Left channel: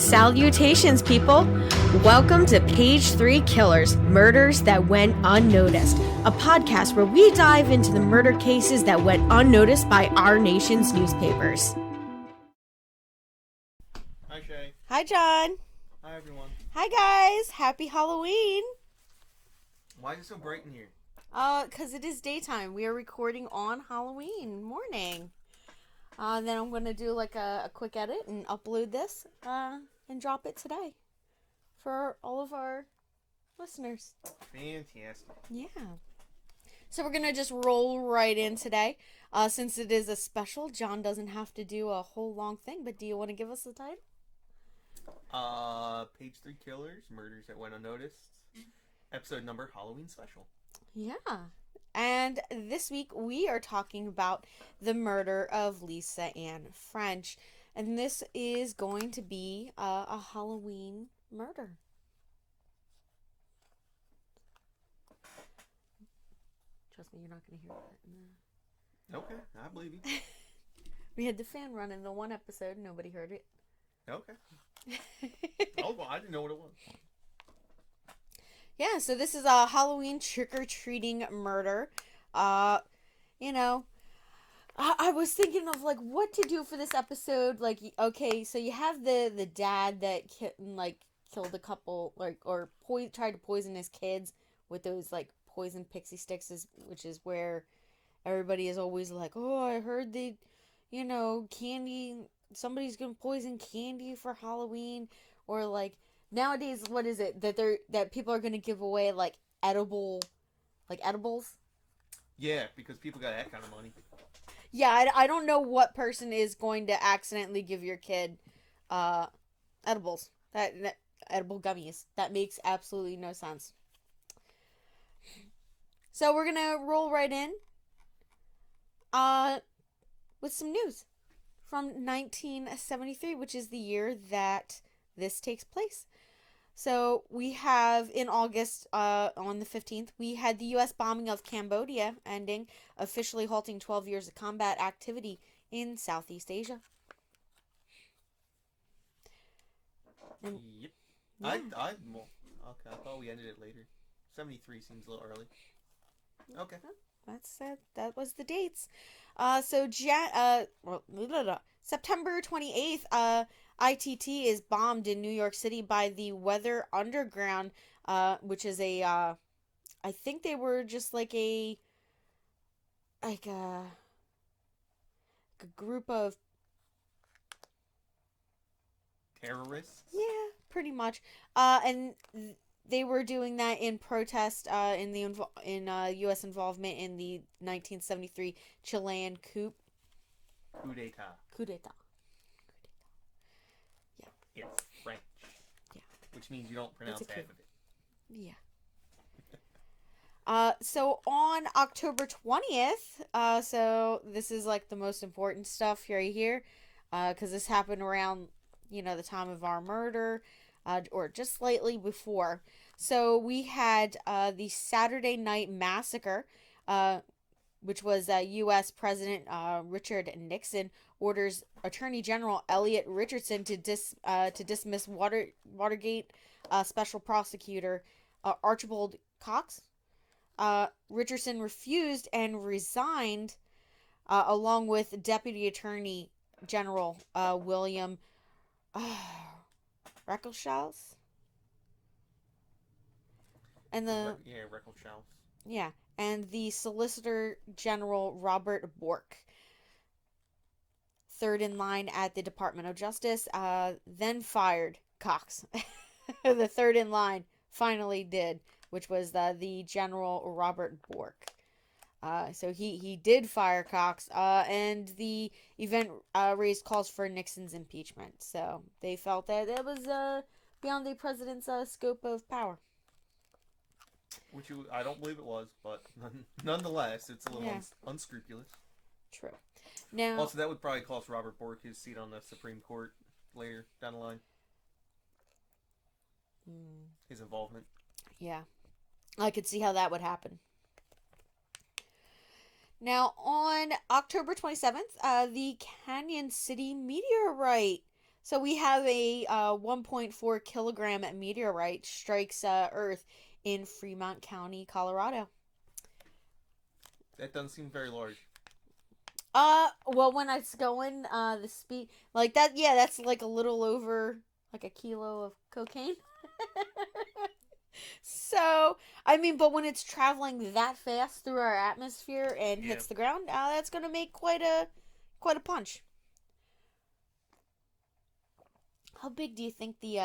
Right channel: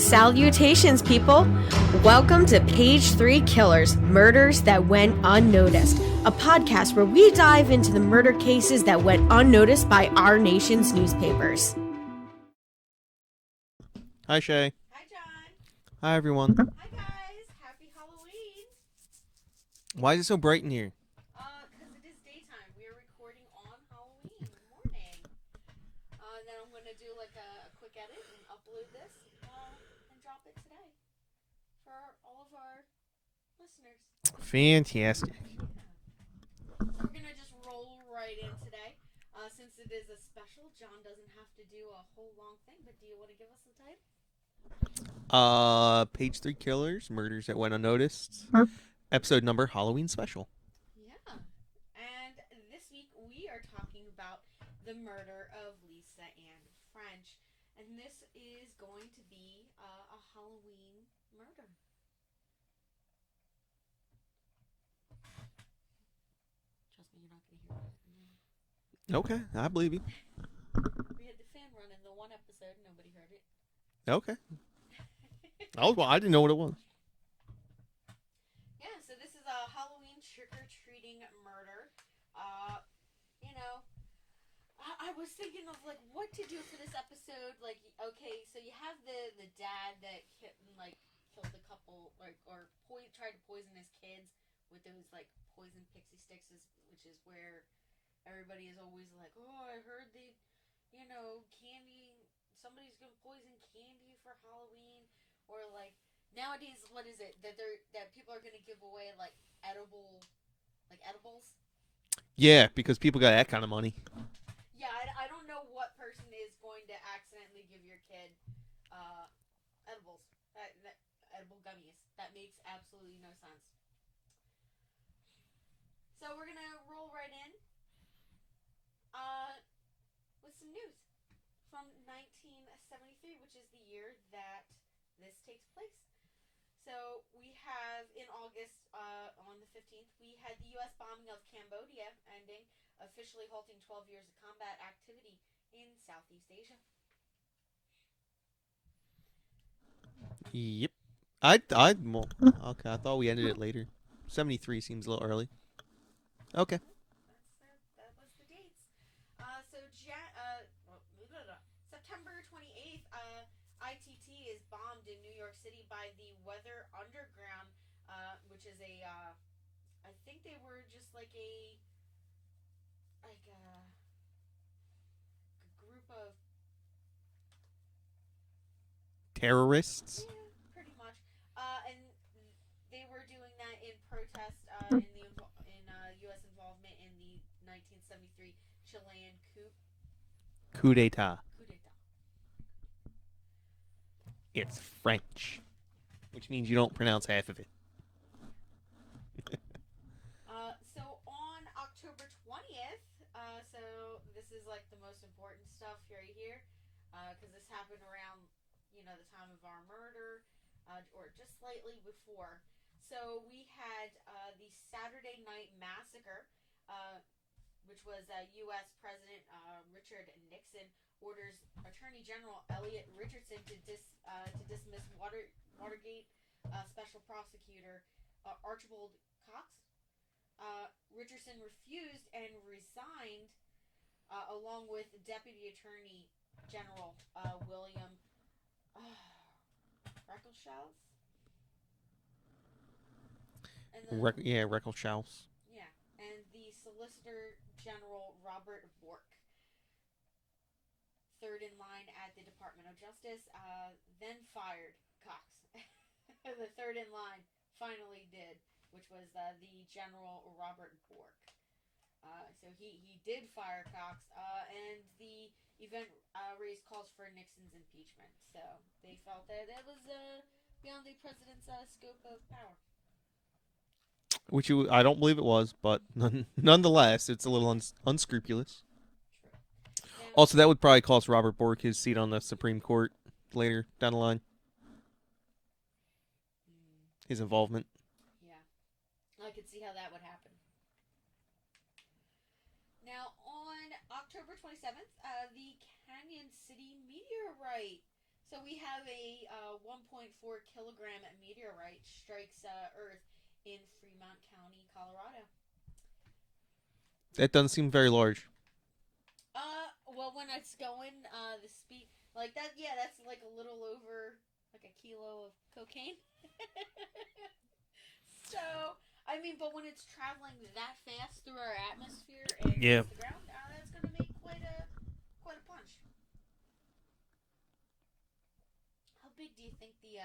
Salutations, people! Welcome to Page 3 Killers, Murders That Went Unnoticed, a podcast where we dive into the murder cases that went unnoticed by our nation's newspapers. Hi, Shay. Hi, John. Hi, everyone. Hi, guys. Happy Halloween. Why is it so bright in here? Because it is daytime. We are recording on Halloween morning. Then I'm going to do like a quick edit and upload this and drop it today for all of our listeners. Fantastic. Yeah. So we're going to just roll right in today. Since it is a special, John doesn't have to do a whole long thing, but do you want to give us the title? Page 3 Killers, Murders That Went Unnoticed. Episode number, Halloween Special. Yeah. And this week we are talking about the murder of Lisa Ann French. And this is going to be a Halloween murder. Trust me, you're not going to hear that. Okay, I believe you. We had the fan run in the one episode. Nobody heard it. Okay. Well, I didn't know what it was. Yeah, so this is a Halloween trick-or-treating murder. I was thinking of, like, what to do for this episode. Like, okay, so you have the dad that, killed a couple, or tried to poison his kids with those, poison pixie sticks, which is where everybody is always like, oh, I heard candy, somebody's gonna poison candy for Halloween, or, nowadays, what is it that people are gonna give away edibles? Yeah, because people got that kind of money. Yeah, I don't know what person is going to accidentally give your kid edibles. That edible gummies. That makes absolutely no sense. So we're gonna roll right in with some news from 1973, which is the year that this takes place. So we have in August, on the 15th, we had the U.S. bombing of Cambodia ending, officially halting 12 years of combat activity in Southeast Asia. Yep. Okay, I thought we ended it later. 73 seems a little early. Okay. That was the dates. September 28th, ITT is bombed in New York City by the Weather Underground, which is I think they were just a group of Terrorists? Yeah, pretty much. And they were doing that in protest in U.S. involvement in the 1973 Chilean coup. Coup d'etat. Coup d'etat. It's French. Yeah. Which means you don't pronounce half of it. Yeah. So on October 20th, so this is the most important stuff right here, because this happened around, the time of our murder, or just slightly before. So we had the Saturday Night Massacre, which was U.S. President Richard Nixon orders Attorney General Elliot Richardson to dismiss Watergate Special Prosecutor Archibald Cox. Richardson refused and resigned, along with Deputy Attorney General William Ralulk. And Ralulk. Yeah, and the Solicitor General Robert Bork. Third in line at the Department of Justice, then fired Cox. The third in line finally did, which was the General Robert Bork. So he did fire Cox, and the event raised calls for Nixon's impeachment. So they felt that it was beyond the president's scope of power. Which I don't believe it was, but nonetheless, it's a little unscrupulous. True. Now, also, that would probably cost Robert Bork his seat on the Supreme Court later down the line. His involvement. Yeah. I could see how that would happen. Now, on October 27th, the Canyon City Meteorite So we have a 1.4 kilogram meteorite strikes Earth in Fremont County, Colorado. That doesn't seem very large. Well, when it's going, the speed like that, yeah, that's like a little over like a kilo of cocaine. So, I mean, but when it's traveling that fast through our atmosphere and Yeah. hits the ground, that's gonna make quite a punch. How big do you think the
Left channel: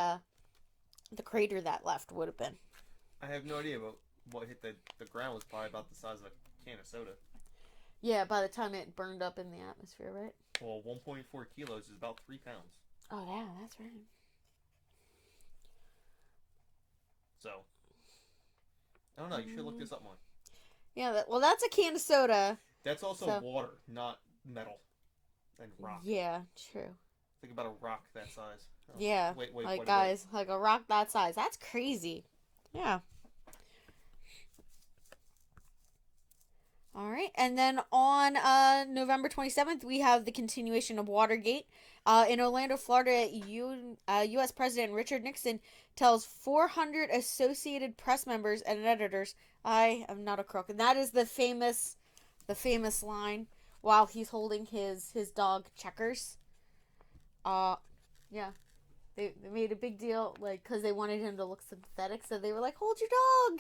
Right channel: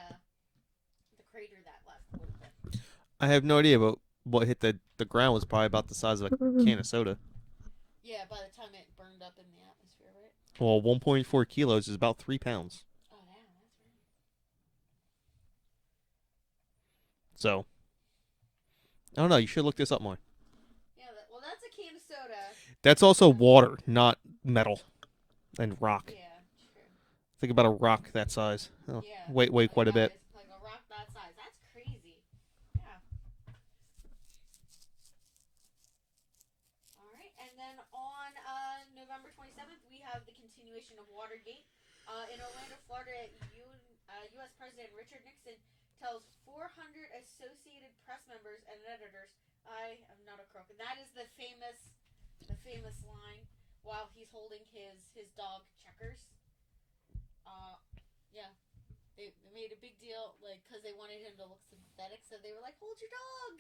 crater that left would have been? I have no idea, but what hit the ground was probably about the size of a can of soda. Yeah, by the time it burned up in the atmosphere, right? Well, 1.4 kilos is about 3 pounds. Oh yeah, that's right. So, I don't know. You should look this up more. Yeah, well, that's a can of soda. That's also So water, not metal and rock. yeah, true. Think about a rock that size. Oh, Yeah, wait like quite a bit. guys, like a rock that size. That's crazy. Yeah. All right, and then on November 27th, we have the continuation of Watergate. In Orlando, Florida, U.S. President Richard Nixon tells 400 Associated Press members and editors, "I am not a crook," and that is the famous line while he's holding his dog Checkers. Uh, yeah, they made a big deal like because they wanted him to look sympathetic, so they were like, "Hold your dog,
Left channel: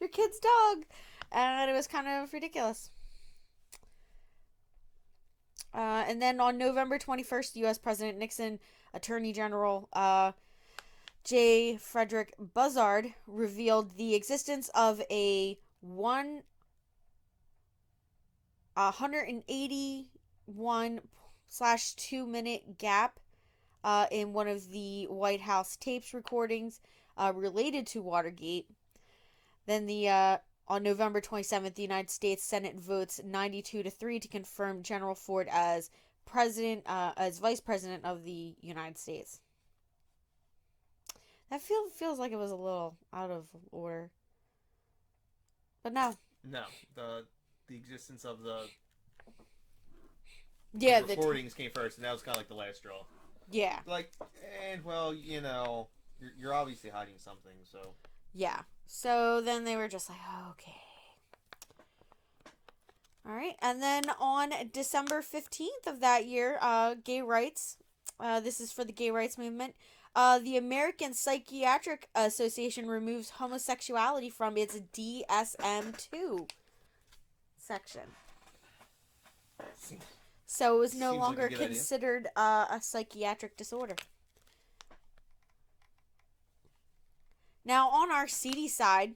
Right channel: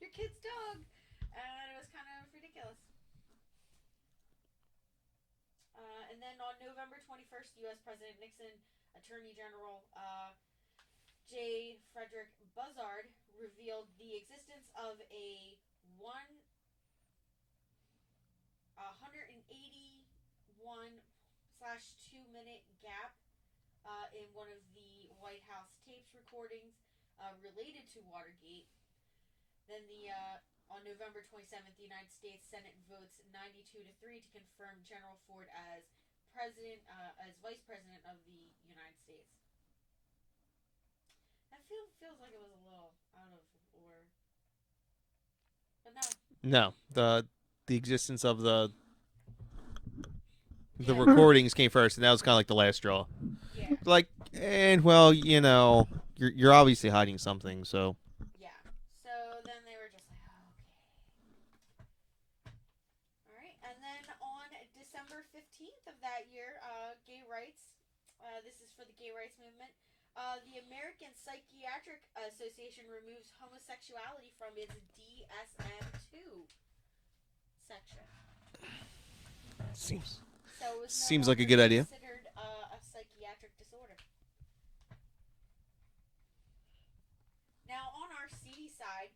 your kid's dog," and it was kind of ridiculous. And then on November 21st, U.S. President Nixon, Attorney General J. Frederick Buzzard revealed the existence of a 181/2 minute gap in one of the White House tapes recordings related to Watergate. Then on November 27th, the United States Senate votes 92-3 to confirm General Ford as as vice president of the United States. That feels like it was a little out of order, but no. No, the existence of the Yeah, recordings came first, and that was kind of like the last straw. yeah, Like, and well, you're obviously hiding something. So yeah. So then they were just like, okay. All right. And then on December 15th of that year, gay rights. This is for the gay rights movement. The American Psychiatric Association removes homosexuality from its DSM-2 section. seems So it was no seems like a longer good idea. considered a psychiatric disorder. Now, on our seedy side,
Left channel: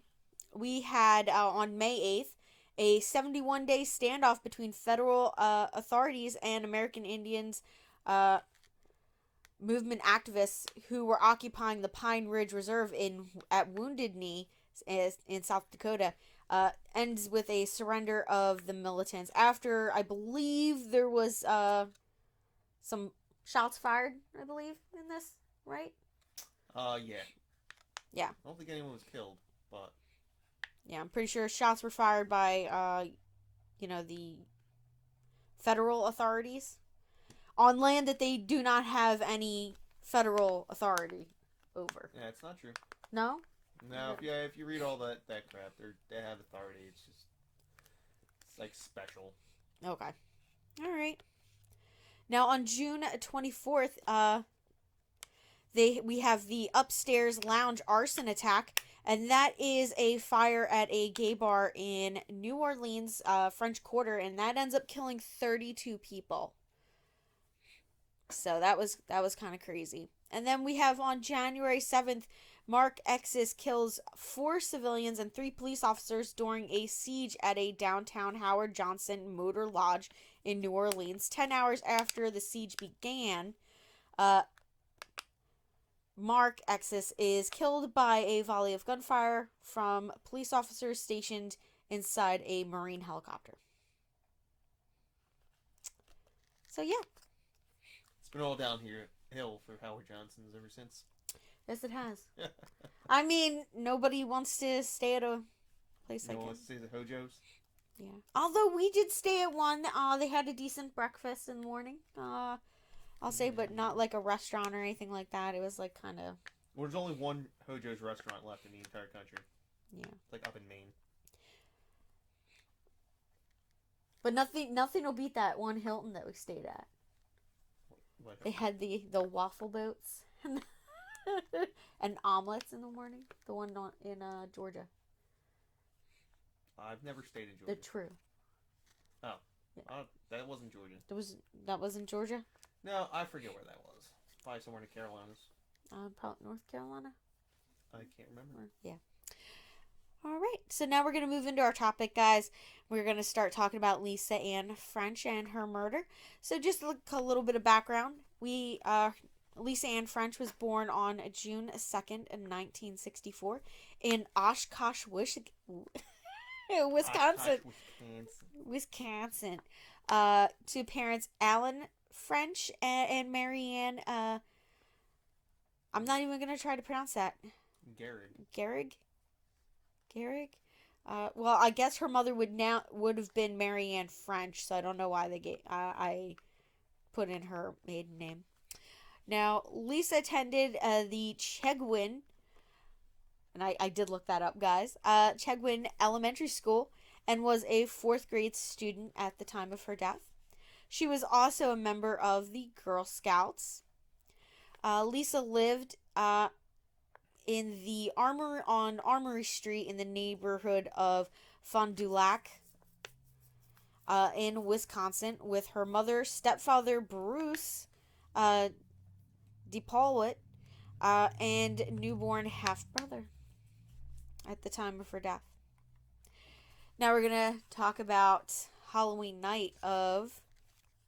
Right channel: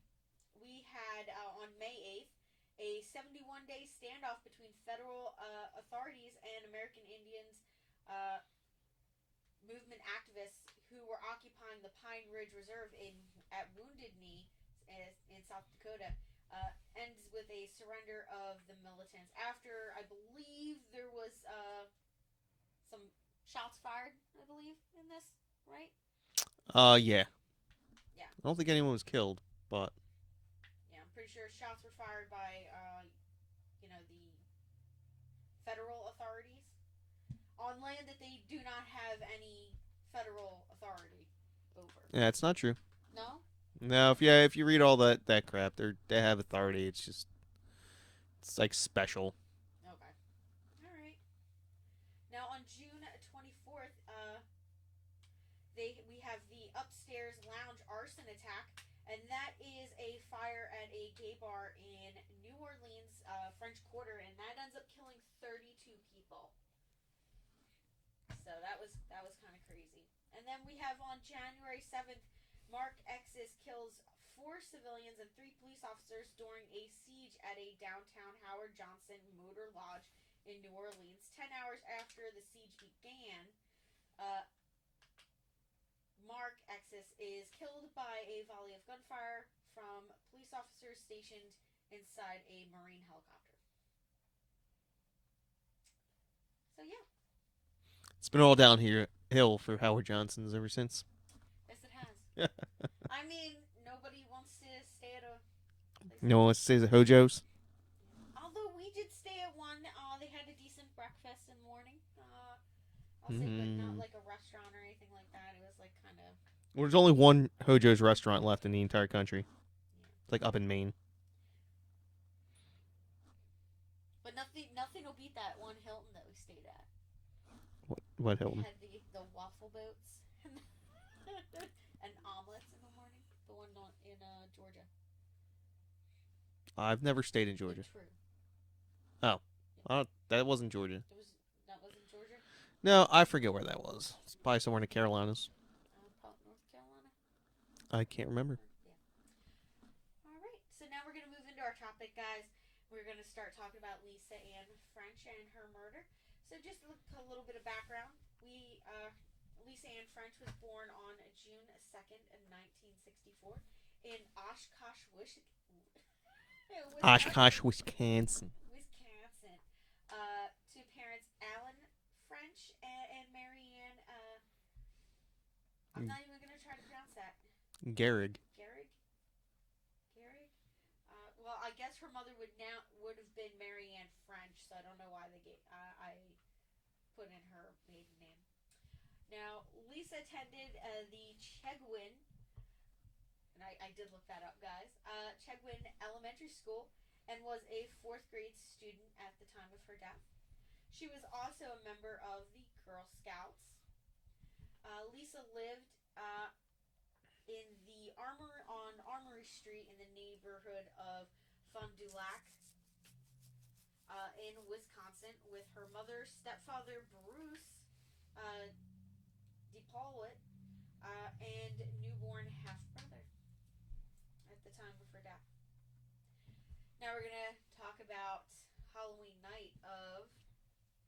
we had on May 8th a 71-day standoff between federal authorities and American Indians movement activists who were occupying the Pine Ridge Reserve at Wounded Knee in South Dakota. Ends with a surrender of the militants after I believe there was some shots fired. I believe in this, right? Yeah. Yeah. I don't think anyone was killed, but Yeah, I'm pretty sure shots were fired by the federal authorities on land that they do not have any federal authority over. yeah, it's not true. No? No, if you read all that crap, they have authority. It's like special. Okay. All right. Now on June 24th, we have the upstairs lounge arson attack, and that is a fire at a gay bar in New Orleans, French Quarter, and that ends up killing 32 people. So that was kind of crazy. And then we have on January 7th, Mark Exis kills 4 civilians and 3 police officers during a siege at a downtown Howard Johnson Motor Lodge in New Orleans. 10 hours after the siege began, Mark Exis is killed by a volley of gunfire from police officers stationed inside a Marine helicopter. So yeah. It's been all downhill for Howard Johnson's ever since. Yes, it has. I mean, nobody wants to stay at a place. No one wants to say the Hojos. Yeah. Although we did stay at one. They had a decent breakfast in the morning. I'll say, but not like a restaurant or anything like that. It was like kind of. Well, there's only one Hojo's restaurant left in the entire country. Yeah. Like up in Maine. But nothing will beat that one Hilton that we stayed at. What They Hilton? had the waffle boats and omelets in the morning. The one in Georgia. I've never stayed in Georgia. The True. Oh. Yeah. That wasn't Georgia. That wasn't Georgia? No, I forget where that was. It's probably somewhere in the Carolinas. North Carolina? I can't remember. Yeah. All right. So now we're going to move into our topic, guys. We're going to start talking about Lisa Ann French and her murder. So just a little bit of background. Lisa Ann French was born on June 2nd in 1964 in Oshkosh, Wisconsin. Oshkosh, Wisconsin. Wisconsin. To parents Alan French and Marianne. I'm not even going to try to pronounce that. Gehrig. Gehrig? Well, I guess her mother would have been Marianne French, so I don't know why I put in her maiden name. Now, Lisa attended the Chegwin, and I did look that up, guys. Chegwin Elementary School, and was a 4th grade student at the time of her death. She was also a member of the Girl Scouts. Lisa lived in the Armory Street in the neighborhood of Fond du Lac in Wisconsin with her mother, stepfather Bruce DePaulett, and newborn half-brother at the time of her death. Now we're going to talk about Halloween night of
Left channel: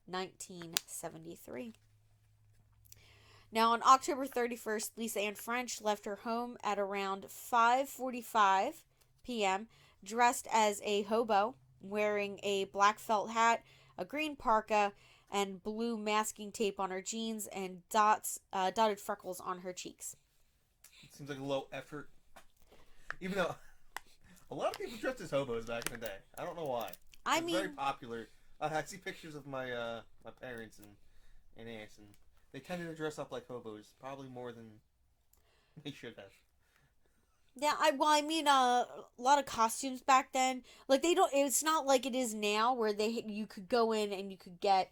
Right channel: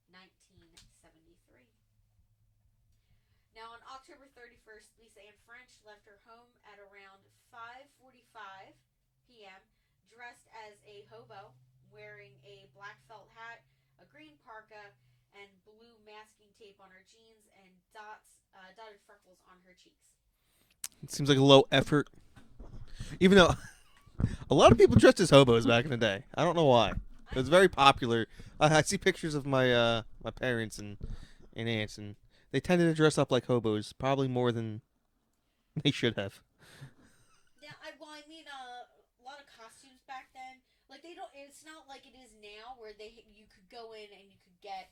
1973. Now, on October 31st, Lisa Ann French left her home at around 5:45 p.m., dressed as a hobo, wearing a black felt hat, a green parka, and blue masking tape on her jeans, and dotted freckles on her cheeks. It seems like a low effort. Even though a lot of people dressed as hobos back in the day. I don't know why. It was very popular. I see pictures of my my parents and aunts, and they tended to dress up like hobos, probably more than they should have. Yeah, a lot of costumes back then, like it's not like it is now where you could go in and you could get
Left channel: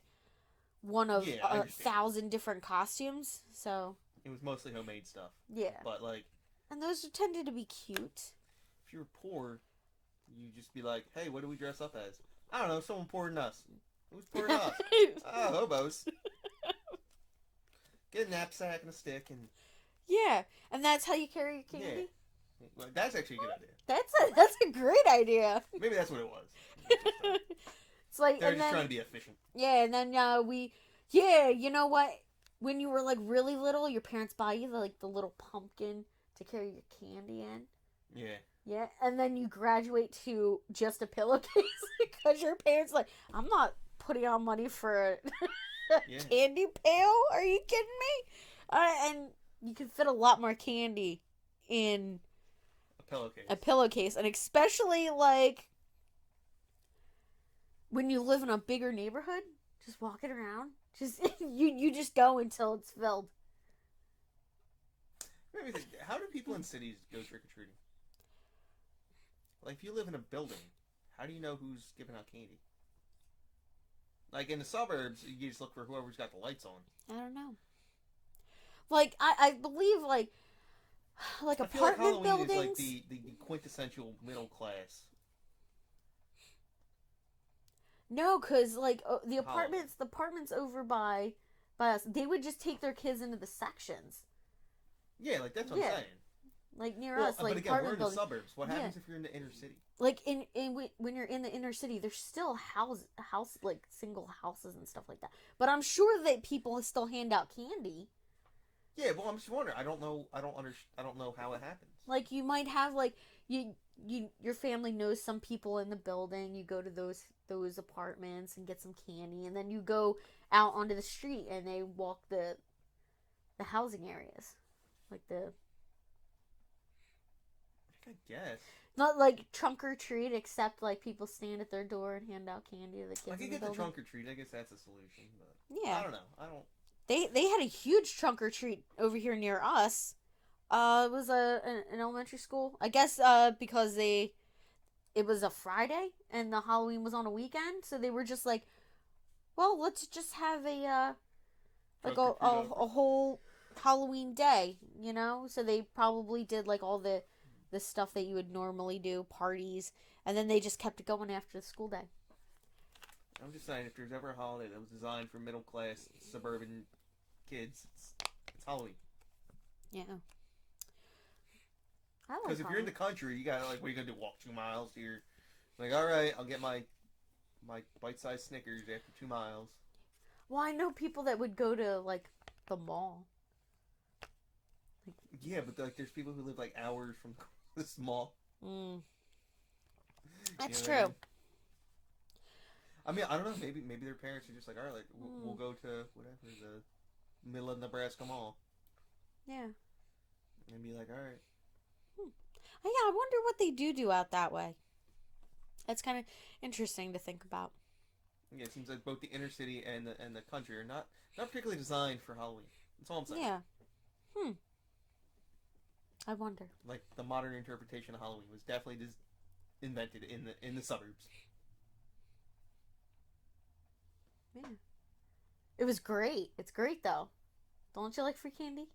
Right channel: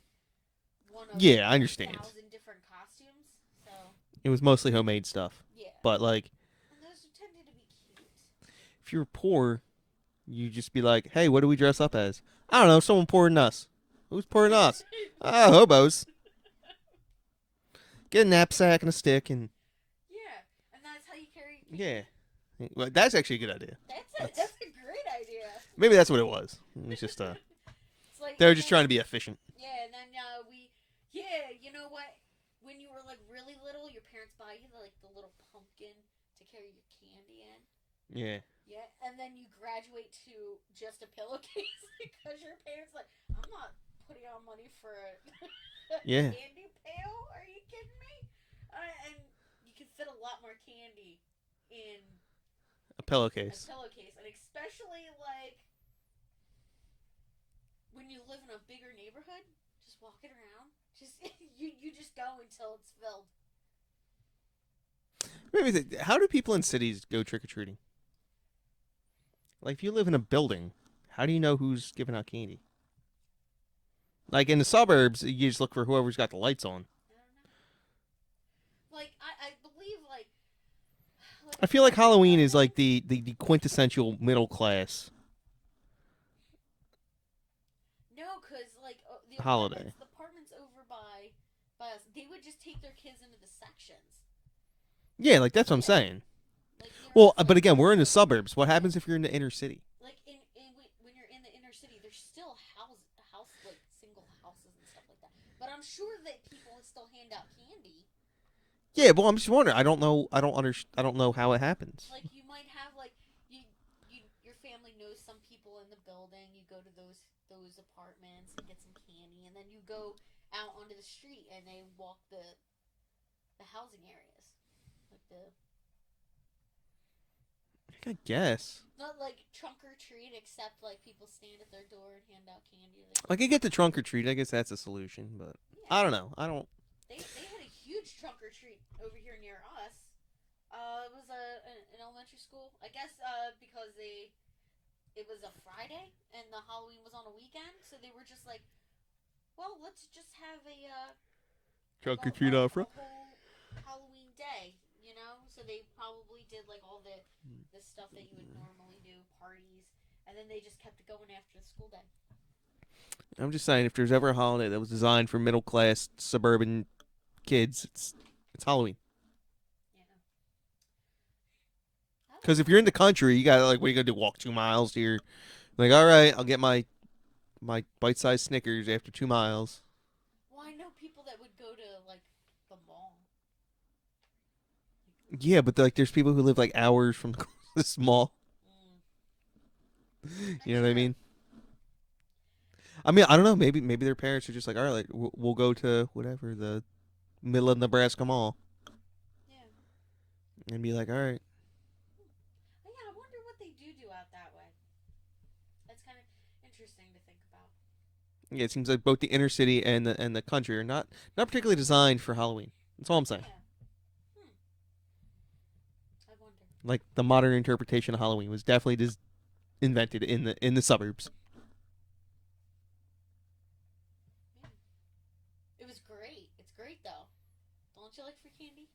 one of I understand. 1,000 different costumes. So it was mostly homemade stuff. Yeah. But and those tended to be cute. If you were poor, you'd just be like, "Hey, what do we dress up as?" I don't know, someone poorer than us. Who's poorer than us? Hobos. Get a knapsack and a stick and. Yeah, and that's how you carry your candy. Yeah, well, that's actually a good idea. That's a great idea. Maybe that's what it was. It was just it's like they were just trying to be efficient. Yeah, and then you know what? When you were like really little, your parents buy you the little pumpkin to carry your candy in. Yeah. Yeah, and then you graduate to just a pillowcase because your parents like, I'm not putting on money for a candy pail. Are you kidding me? And you can fit a lot more candy in a pillowcase. And especially like when you live in a bigger neighborhood, just walking around, just you just go until it's filled. Maybe how do people in cities go trick or treating? Like, if you live in a building, how do you know who's giving out candy? Like, in the suburbs, you just look for whoever's got the lights on. I don't know. Like, I believe, like I feel like Halloween is, like, the quintessential middle class. No, because, like, the apartments over by us, they would just take their kids into the sections. Yeah, like, that's what I'm saying. Like but again, we're in the suburbs. What happens if you're in the inner city? Like when you're in the inner city, there's still house like single houses and stuff like that. But I'm sure that people still hand out candy. Yeah, well, I'm just wondering. I don't know. I don't know how it happens. Like you might have like your family knows some people in the building. You go to those apartments and get some candy, and then you go out onto the street and they walk the housing areas, like the. I guess. Not like trunk or treat, except like people stand at their door and hand out candy. I could get the trunk or treat. I guess that's a solution, but yeah. I don't know. They had a huge trunk or treat over here near us. It was an elementary school. I guess because it was a Friday and the Halloween was on a weekend, so they were just like, well, let's just have like Trunk or treat a offer. whole Halloween day, you know? So they probably did like all the stuff that you would normally do, parties, and then they just kept it going after the school day. I'm just saying, if there's ever a holiday that was designed for middle class suburban kids, it's Halloween. Yeah. I like Because if you're in the Halloween. country, you gotta like, what are you gonna do? Walk 2 miles here? Like, all right, I'll get my bite-sized Snickers after 2 miles. Well, I know people that would go to like the mall. Yeah, but like, there's people who live like hours from the mall. Mm, You that's know what I true. mean? I mean, I don't know. Maybe their parents are just like, all right, like we'll Mm, go to whatever the middle of Nebraska mall yeah. and be like, all right. Hmm. Oh, yeah, I wonder what they do out that way. That's kind of interesting to think about. Yeah, it seems like both the inner city and the country are not particularly designed for Halloween. That's all I'm saying. Yeah. Hmm. I wonder. Like the modern interpretation of Halloween was definitely just invented in the suburbs. Yeah. It was great. It's great though. Don't you like free candy?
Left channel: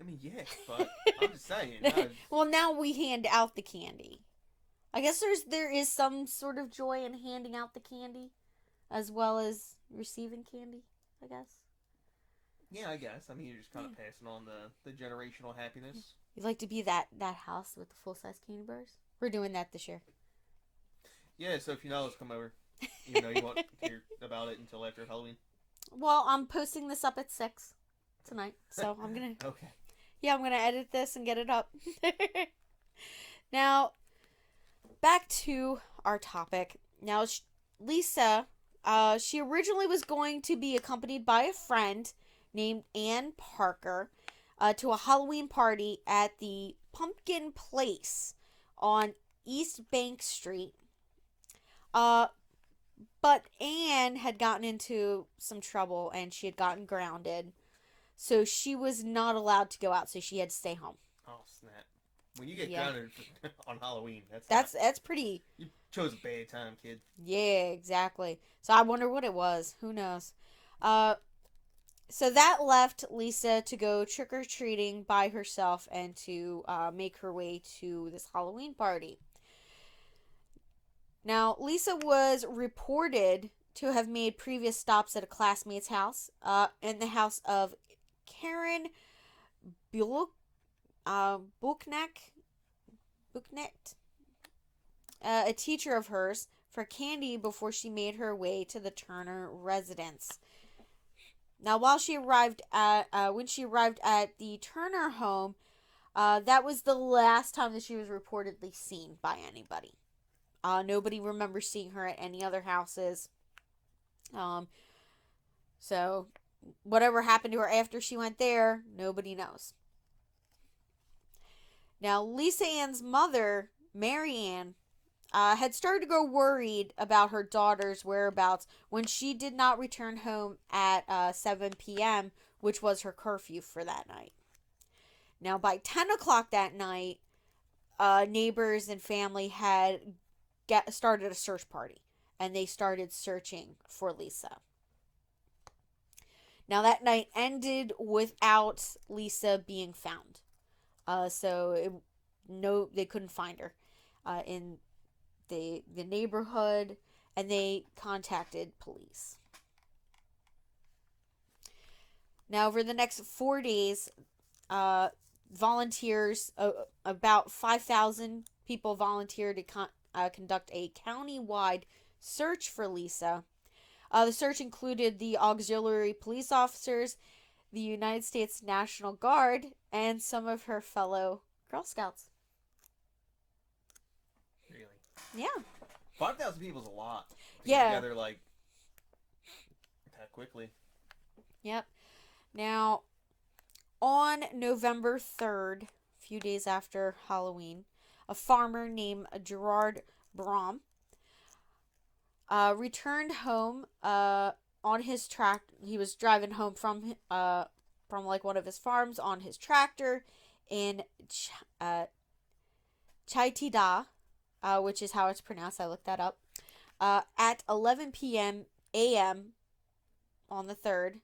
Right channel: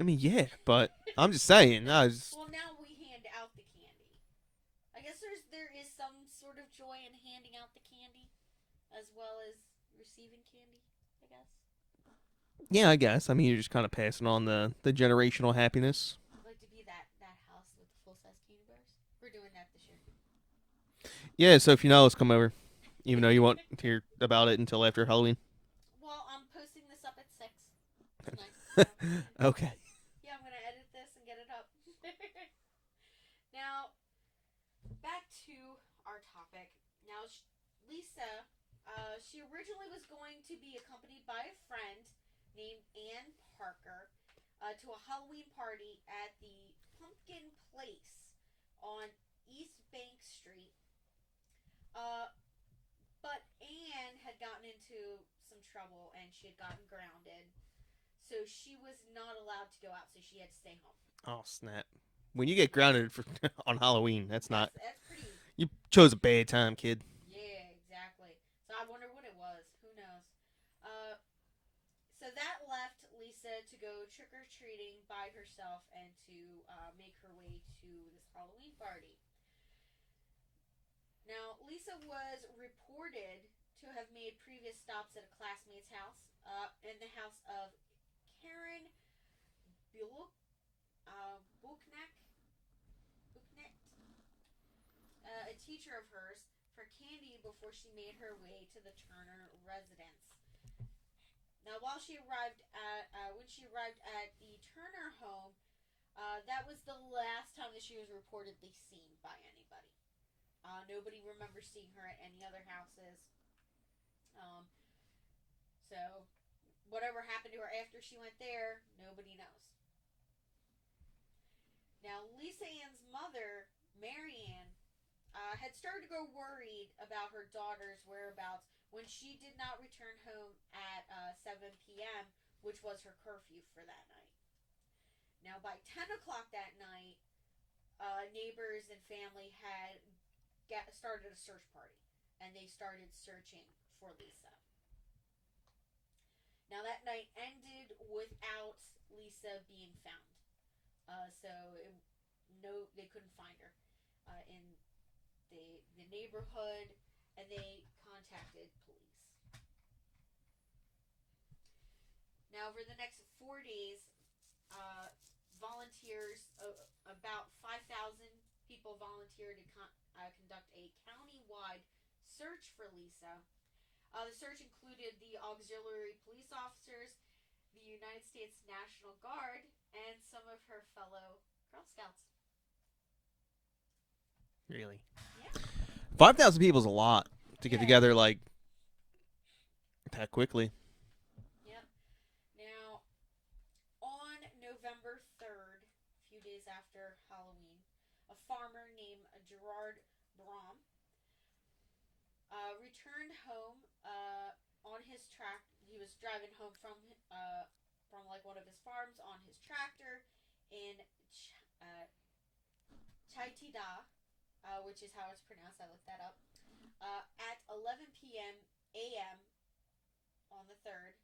I mean, yeah, but I'm just saying. No, Well, now we hand out the candy. I guess there is some sort of joy in handing out the candy as well as receiving candy, I guess. yeah, I guess. I mean, you're just kind Yeah. of passing on the generational happiness. You'd like to be that house with the full size candy bars? We're doing that this year. Yeah, so if you know, let's come over. Even though you won't hear about it until after Halloween. Well, I'm posting this up at 6 tonight, so I'm gonna Okay. yeah, I'm gonna edit this and get it up. Now, back to our topic. Now, Lisa, she originally was going to be accompanied by a friend named Ann Parker to a Halloween party at the Pumpkin Place on East Bank Street. Uh, but Anne had gotten into some trouble and she had gotten grounded. So she was not allowed to go out, so she had to stay home. Oh snap! When you get Yeah. grounded for, on Halloween, that's not. That's pretty. You chose a bad time, kid. Yeah, exactly. So I wonder what it was. Who knows? Uh so that left Lisa to go trick or treating by herself and to make her way to this Halloween party. Now, Lisa was reported to have made previous stops at a classmate's house, in the house of Karen Bullock, Buchneck, Buchnet, a teacher of hers, for candy before she made her way to the Turner residence. Now, when she arrived at the Turner home, that was the last time that she was reportedly seen by anybody. Nobody remembers seeing her at any other houses. Um, so whatever happened to her after she went there, nobody knows. Now, Lisa Ann's mother, Mary Ann, had started to grow worried about her daughter's whereabouts when she did not return home at 7 p.m., which was her curfew for that night. Now, by 10 o'clock that night, neighbors and family had started a search party, and they started searching for Lisa. Now, that night ended without Lisa being found. No, they couldn't find her in the neighborhood, and they contacted police. Now, over the next 4 days, volunteers, about 5,000 people volunteered to conduct a county-wide search for Lisa. The search included the auxiliary police officers, the United States National Guard, and some of her fellow Girl Scouts. Really? Yeah. 5,000 people is a lot to get Yeah. together like that quickly. Yep. Now, on November 3rd, a few days after Halloween, a farmer named Gerard Brom returned home on his track. He was driving home from like one of his farms on his tractor in Taycheedah, which is how it's pronounced. I looked that up. At 11 p.m. a.m. on the 3rd,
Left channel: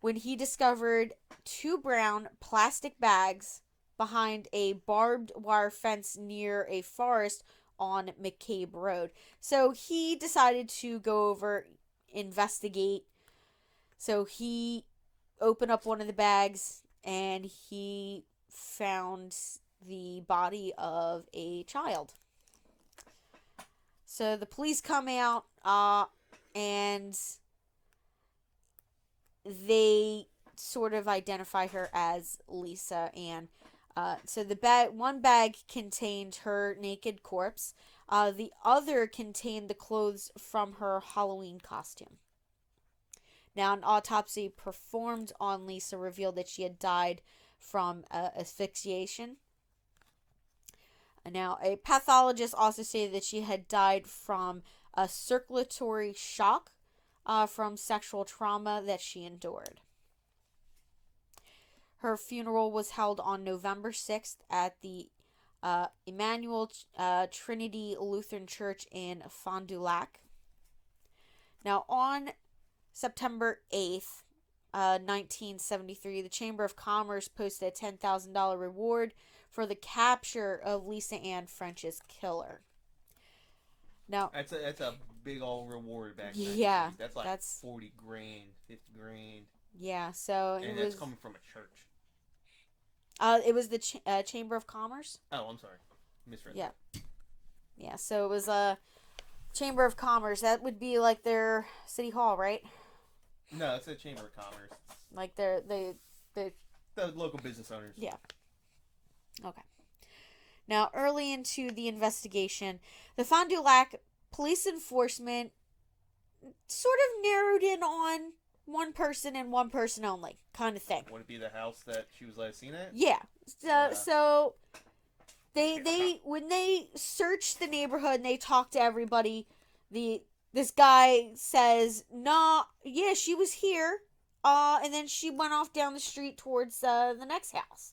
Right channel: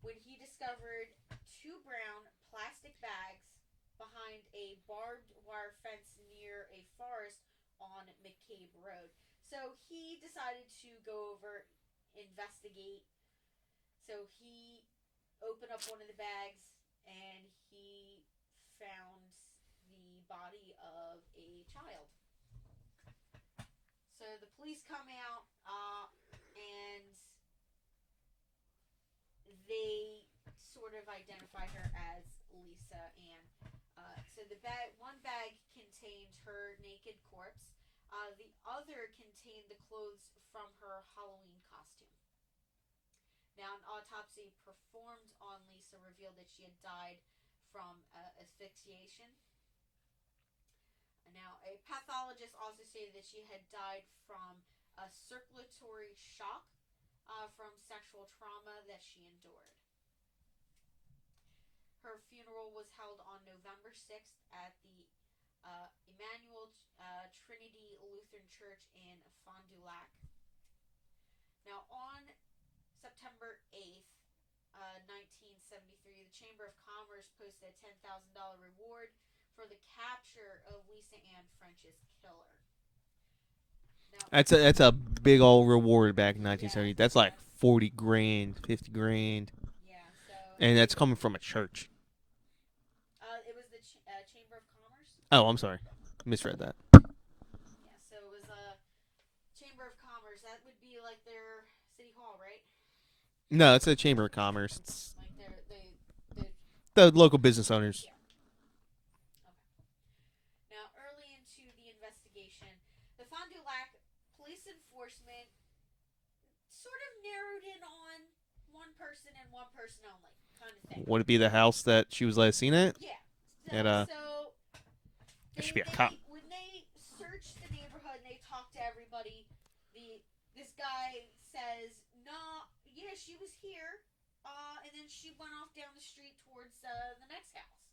when he discovered 2 brown plastic bags behind a barbed wire fence near a forest on McCabe Road. So he decided to go over, investigate. So he opened up one of the bags and he found the body of a child. So the police come out and they sort of identify her as Lisa Ann. So one bag contained her naked corpse. The other contained the clothes from her Halloween costume. Now, an autopsy performed on Lisa revealed that she had died from asphyxiation. Now, a pathologist also stated that she had died from a circulatory shock from sexual trauma that she endured. Her funeral was held on November 6th at the Emmanuel Trinity Lutheran Church in Fond du Lac. Now, on September 8th, 1973, the Chamber of Commerce posted a $10,000 reward for the capture of Lisa Ann French's killer. Now, that's a big old reward back in 1970. Yeah, that's like 40 grand, 50 grand. Yeah, so and that's coming from a church. It was the Chamber of Commerce. Oh, I'm sorry, misread Yeah. that. Yeah, so it was a Chamber of Commerce. That would be like their city hall, right? No, it's a Chamber of Commerce. It's Like the local business owners. Yeah. Okay. Now, early into the investigation, the Fond du Lac police enforcement sort of narrowed in on one person and one person only, kind of thing. Would it be the house that she was last seen at? Yeah. So they when they searched the neighborhood and they talked to everybody, this guy says, "Nah, yeah, she was here, and then she went off down the street towards the next house."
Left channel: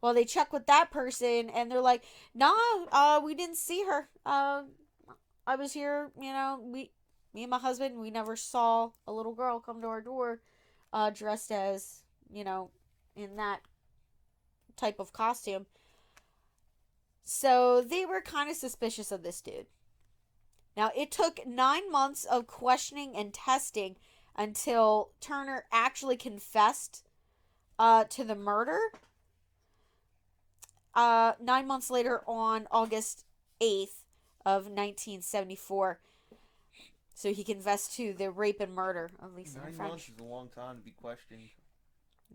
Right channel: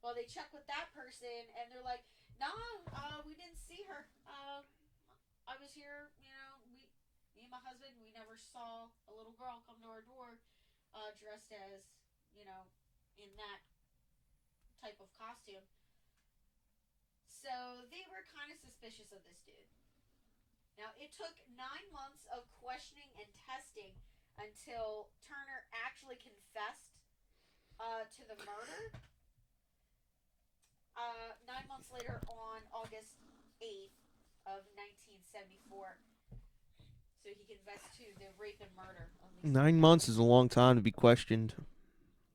Well, they check with that person and they're like, "Nah, we didn't see her. I was here, me and my husband, we never saw a little girl come to our door, dressed as, in that type of costume." So they were kind of suspicious of this dude. Now, it took 9 months of questioning and testing until Turner actually confessed to the murder. 9 months later, on August 8th of 1974. So he confessed to the rape and murder of Lisa. 9 months is a long time to be questioned.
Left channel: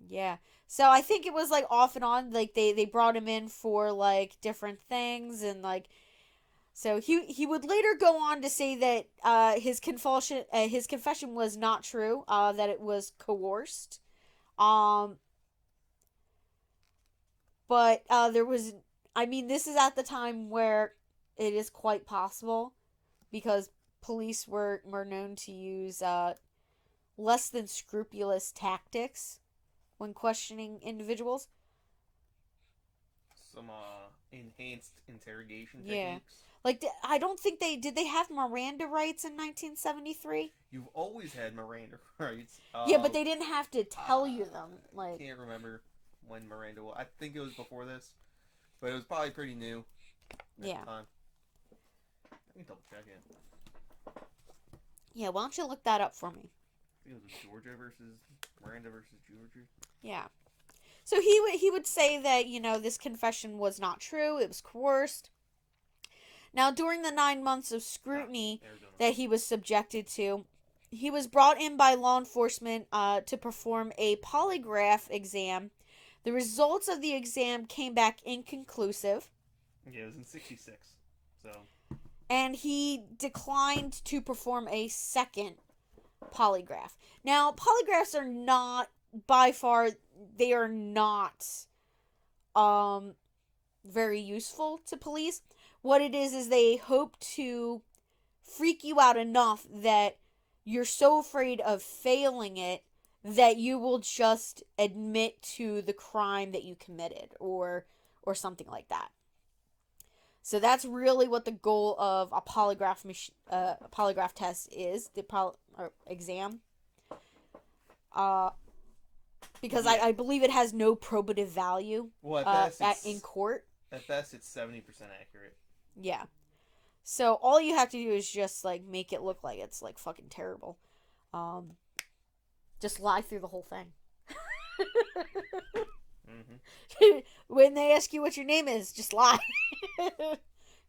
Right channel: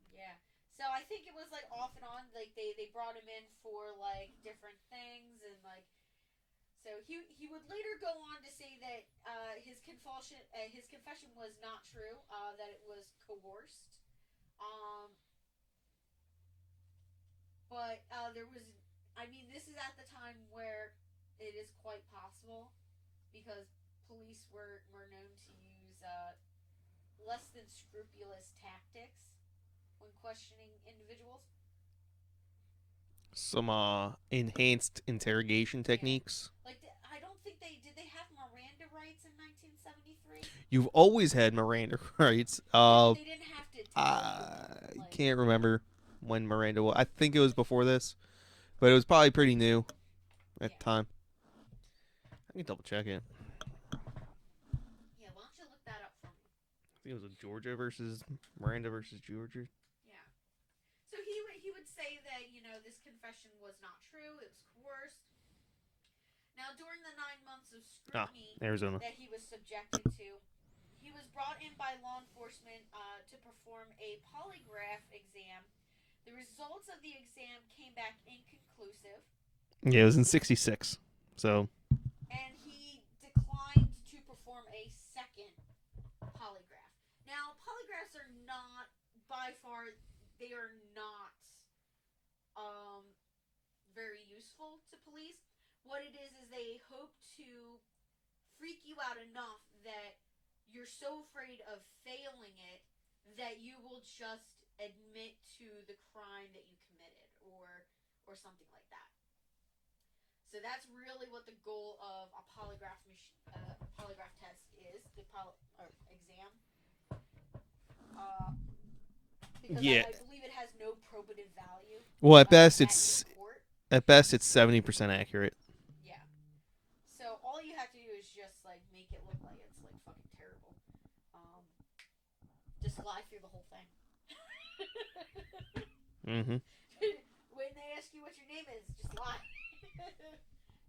Yeah. So I think it was like off and on. Like they brought him in for like different things, and like, so he would later go on to say that his confession was not true. That it was coerced. But there was, this is at the time where it is quite possible, because police were known to use less than scrupulous tactics when questioning individuals. Some enhanced interrogation techniques. Like, I don't think did they have Miranda rights in 1973? You've always had Miranda rights. Yeah, but they didn't have to tell you them. I can't remember when Miranda was. I think it was before this, but it was probably pretty new at the time. I can double check it. Yeah, why don't you look that up for me? I think it was Georgia versus Miranda versus Georgia. Yeah. So he would say that, this confession was not true. It was coerced. Now, during the 9 months of scrutiny that he was subjected to, he was brought in by law enforcement to perform a polygraph exam. The results of the exam came back inconclusive. Yeah, it was in 1966. So. And he declined to perform a second polygraph. Now, polygraphs are not, by far, they are not very useful to police. What it is they hope to freak you out enough that you're so afraid of failing it that you will just admit to the crime that you committed, or something like that. So that's really what the goal of a polygraph test is, or exam. Uh, because Yeah. I believe it has no probative value. Well, In court. At best it's 70% accurate. Yeah. So all you have to do is just like make it look like it's like fucking terrible. Just lie through the whole thing. When they ask you what your name is, just lie.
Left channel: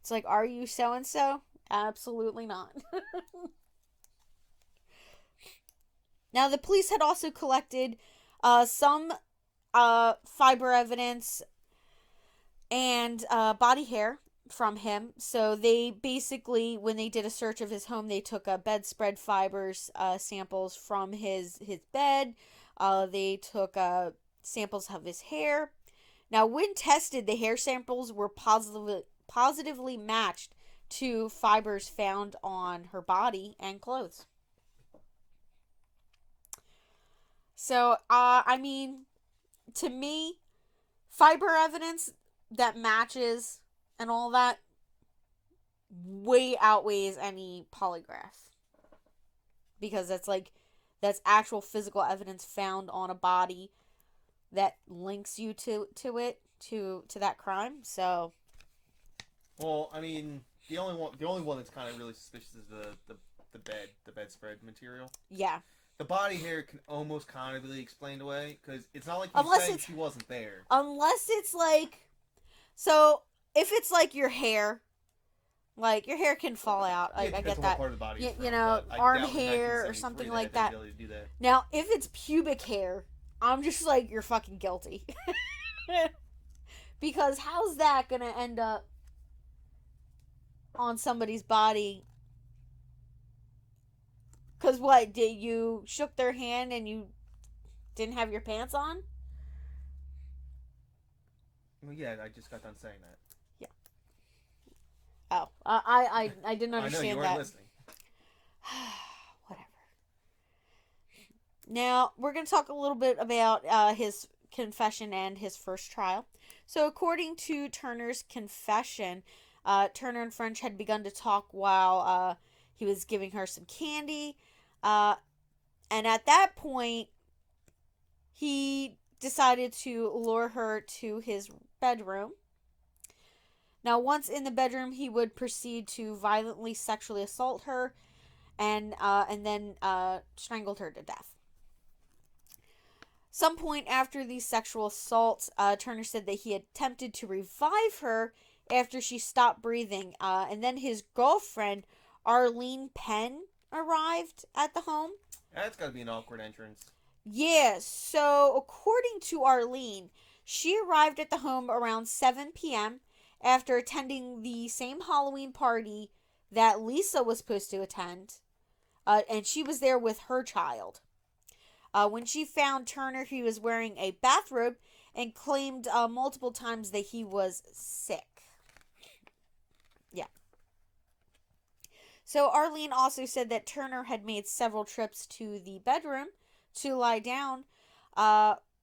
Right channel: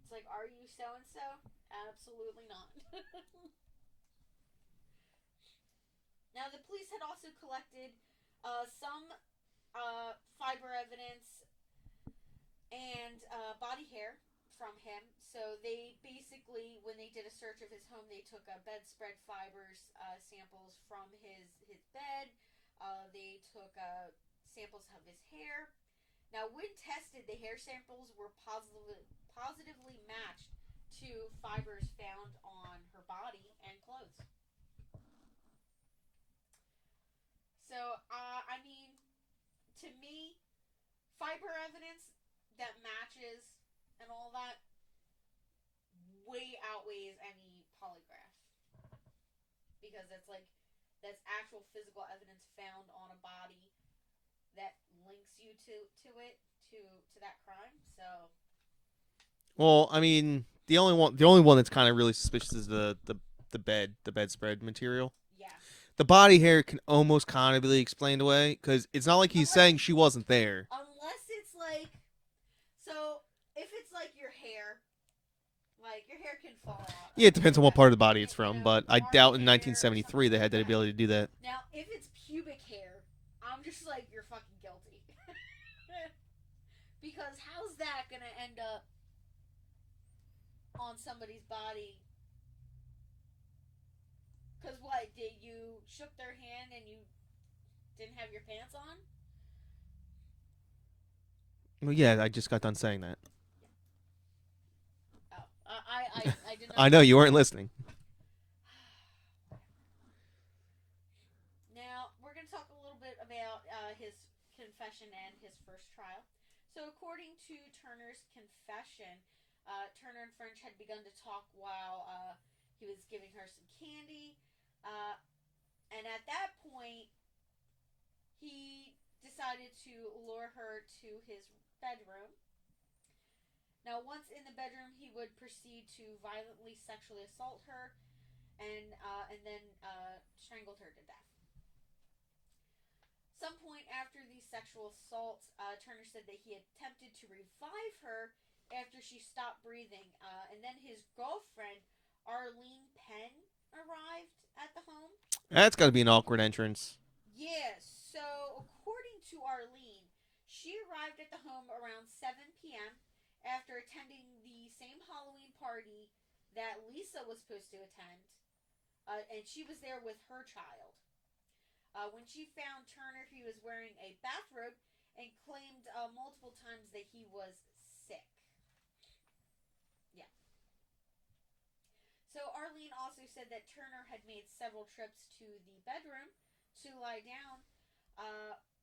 It's like, are you so and so? Absolutely not. Now, the police had also collected some fiber evidence and body hair from him. So they basically, when they did a search of his home, they took bedspread fibers samples from his bed. They took samples of his hair. Now, when tested, the hair samples were positively matched to fibers found on her body and clothes. So, I mean, to me, fiber evidence that matches and all that way outweighs any polygraph. Because that's actual physical evidence found on a body that links you to that crime. So, well, I mean, the only one that's kind of really suspicious is the bedspread material. Yeah. The body hair can almost kind of be explained away because it's not like he's saying she wasn't there. Unless it's like, so if it's like your hair, like your hair can fall out. Yeah, it depends on what part of the body it's from, but I doubt in 1973 they like had the ability to do that. Now, if it's pubic hair, I'm just like, you're fucking guilty. Because how's that gonna end up on somebody's body? Because what, did you shook their hand and you didn't have your pants on? Well, yeah, I just got done saying that. Yeah. Oh, I didn't understand. I know you weren't that. listening. Whatever. Now, we're going to talk a little bit about his confession and his first trial. So, according to Turner's confession, Turner and French had begun to talk while he was giving her some candy. And at that point, he decided to lure her to his bedroom. Now, once in the bedroom, he would proceed to violently sexually assault her and then strangled her to death. Some point after these sexual assaults, Turner said that he attempted to revive her after she stopped breathing. And then his girlfriend, Arlene Penn, arrived at the home. That's got to be an awkward entrance. Yeah, so according to Arlene, she arrived at the home around 7 p.m. after attending the same Halloween party that Lisa was supposed to attend. And she was there with her child. When she found Turner, he was wearing a bathrobe and claimed multiple times that he was sick. Yeah. So Arlene also said that Turner had made several trips to the bedroom to lie down,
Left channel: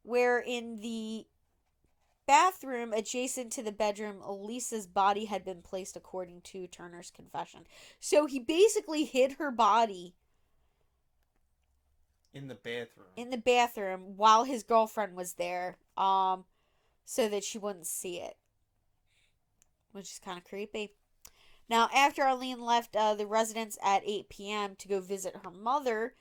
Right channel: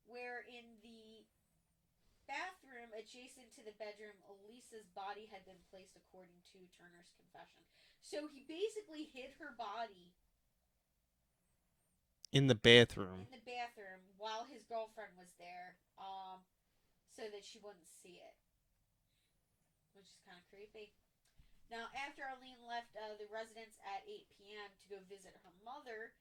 where in the bathroom adjacent to the bedroom, Lisa's body had been placed according to Turner's confession. So he basically hid her body in the bathroom. While his girlfriend was there, so that she wouldn't see it, which is kind of creepy. Now, after Arlene left the residence at 8 p.m. to go visit her mother,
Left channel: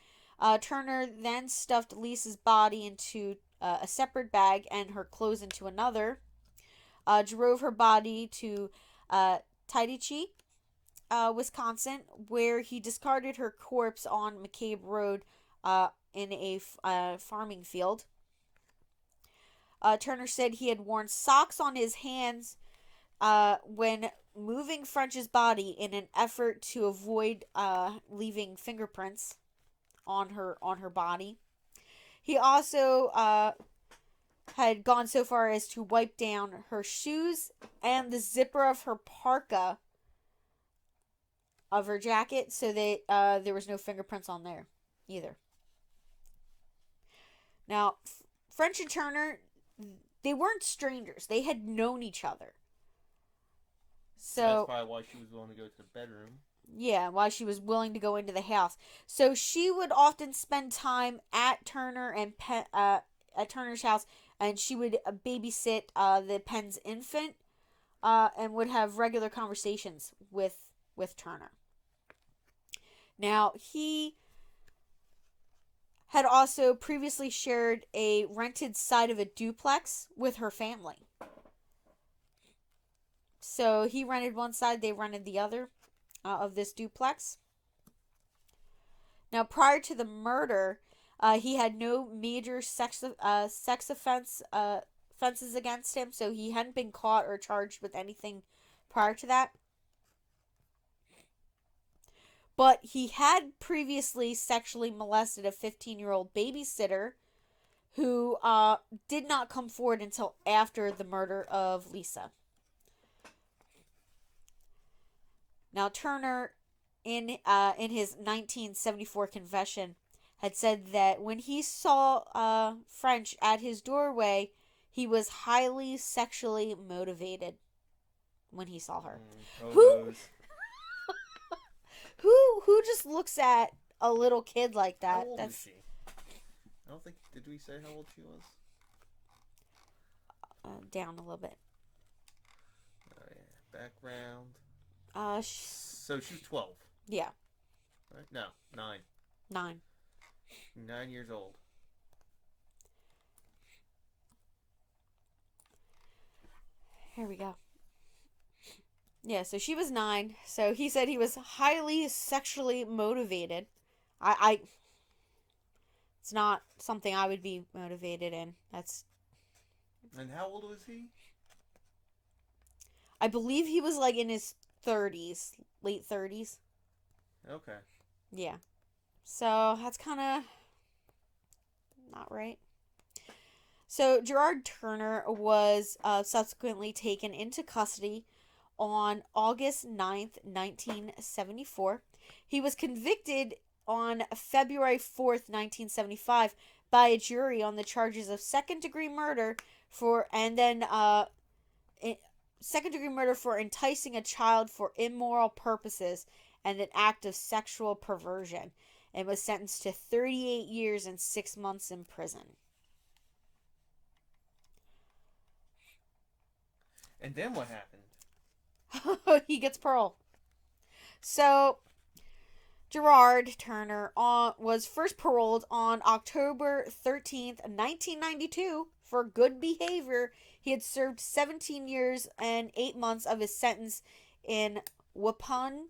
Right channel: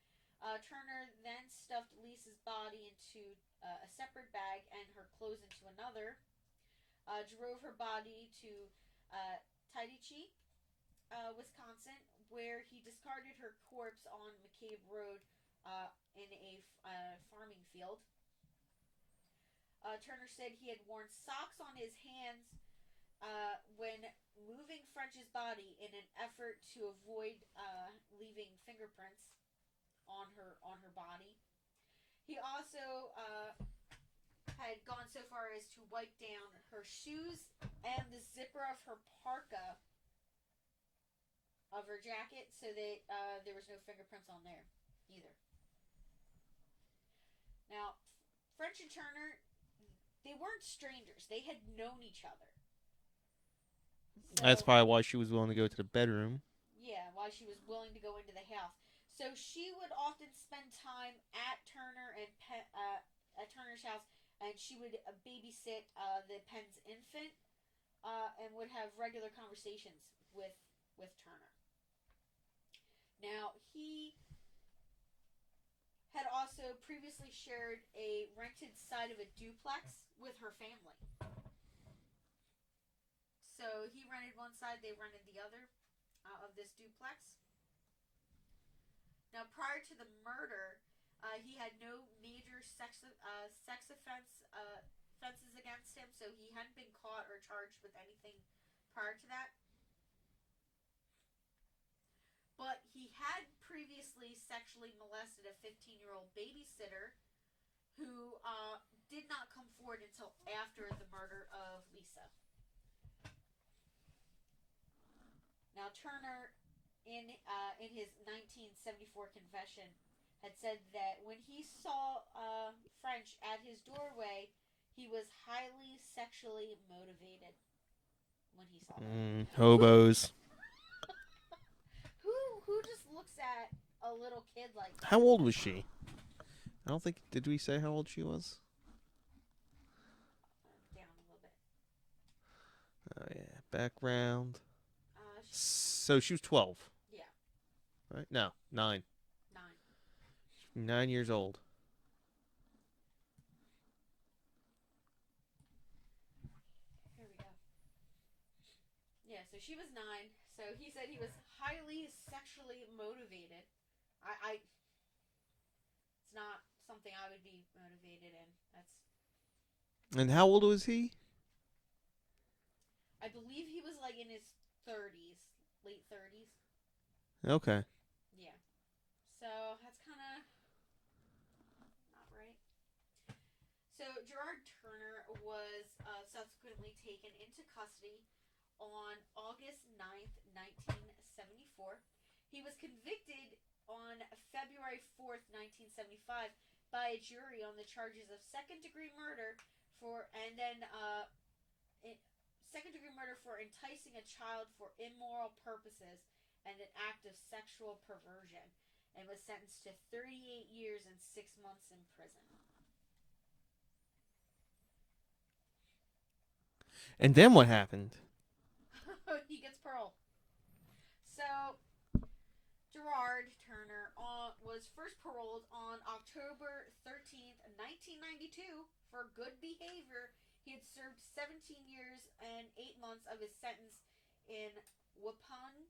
Turner then stuffed Lisa's body into a separate bag and her clothes into another, drove her body to Taycheedah, Wisconsin, where he discarded her corpse on McCabe Road in a farming field. Turner said he had worn socks on his hands when moving French's body in an effort to avoid leaving fingerprints on her body. He also had gone so far as to wipe down her shoes and the zipper of her parka of her jacket, so that there was no fingerprints on there either. Now, French and Turner, they weren't strangers. They had known each other. That's So, probably why she was willing to go to the bedroom. yeah, why she was willing to go into the house. So she would often spend time at at Turner's house, and she would babysit the Penn's infant, and would have regular conversations with Turner. Now, he had also previously shared a rented side of a duplex with her family. So he rented one side, they rented the other of this duplex. Now, prior to the murder, he had no major sex offenses against him, so he hadn't been caught or charged with anything prior to that. But he had previously sexually molested a 15-year-old babysitter who did not come forward until after the murder of Lisa. Now, Turner, in his 1974 confession, had said that when he saw French at his doorway, he was highly sexually motivated when he saw her. Hobos. Who just looks at a little kid like that? How old was she? I don't think. Did we say how old she was? Down a little bit. Oh yeah. Background. So she was 12. Yeah. Right? No, 9. 9. 9 years old. Here we go. Yeah, so she was 9. So he said he was highly sexually motivated. I it's not something I would be motivated in. And how old was he? I believe he was like in his 30s, late 30s. Okay. Yeah. So that's kind of not right. So Gerard Turner was subsequently taken into custody on August 9th, 1974. He was convicted on February 4th, 1975 by a jury on the charges of second-degree murder second-degree murder for enticing a child for immoral purposes and an act of sexual perversion, and was sentenced to 38 years and 6 months in prison. And then what happened? He gets parole. So, Gerard Turner was first paroled on October 13th, 1992 for good behavior. He had served 17 years and 8 months of his sentence in Waupun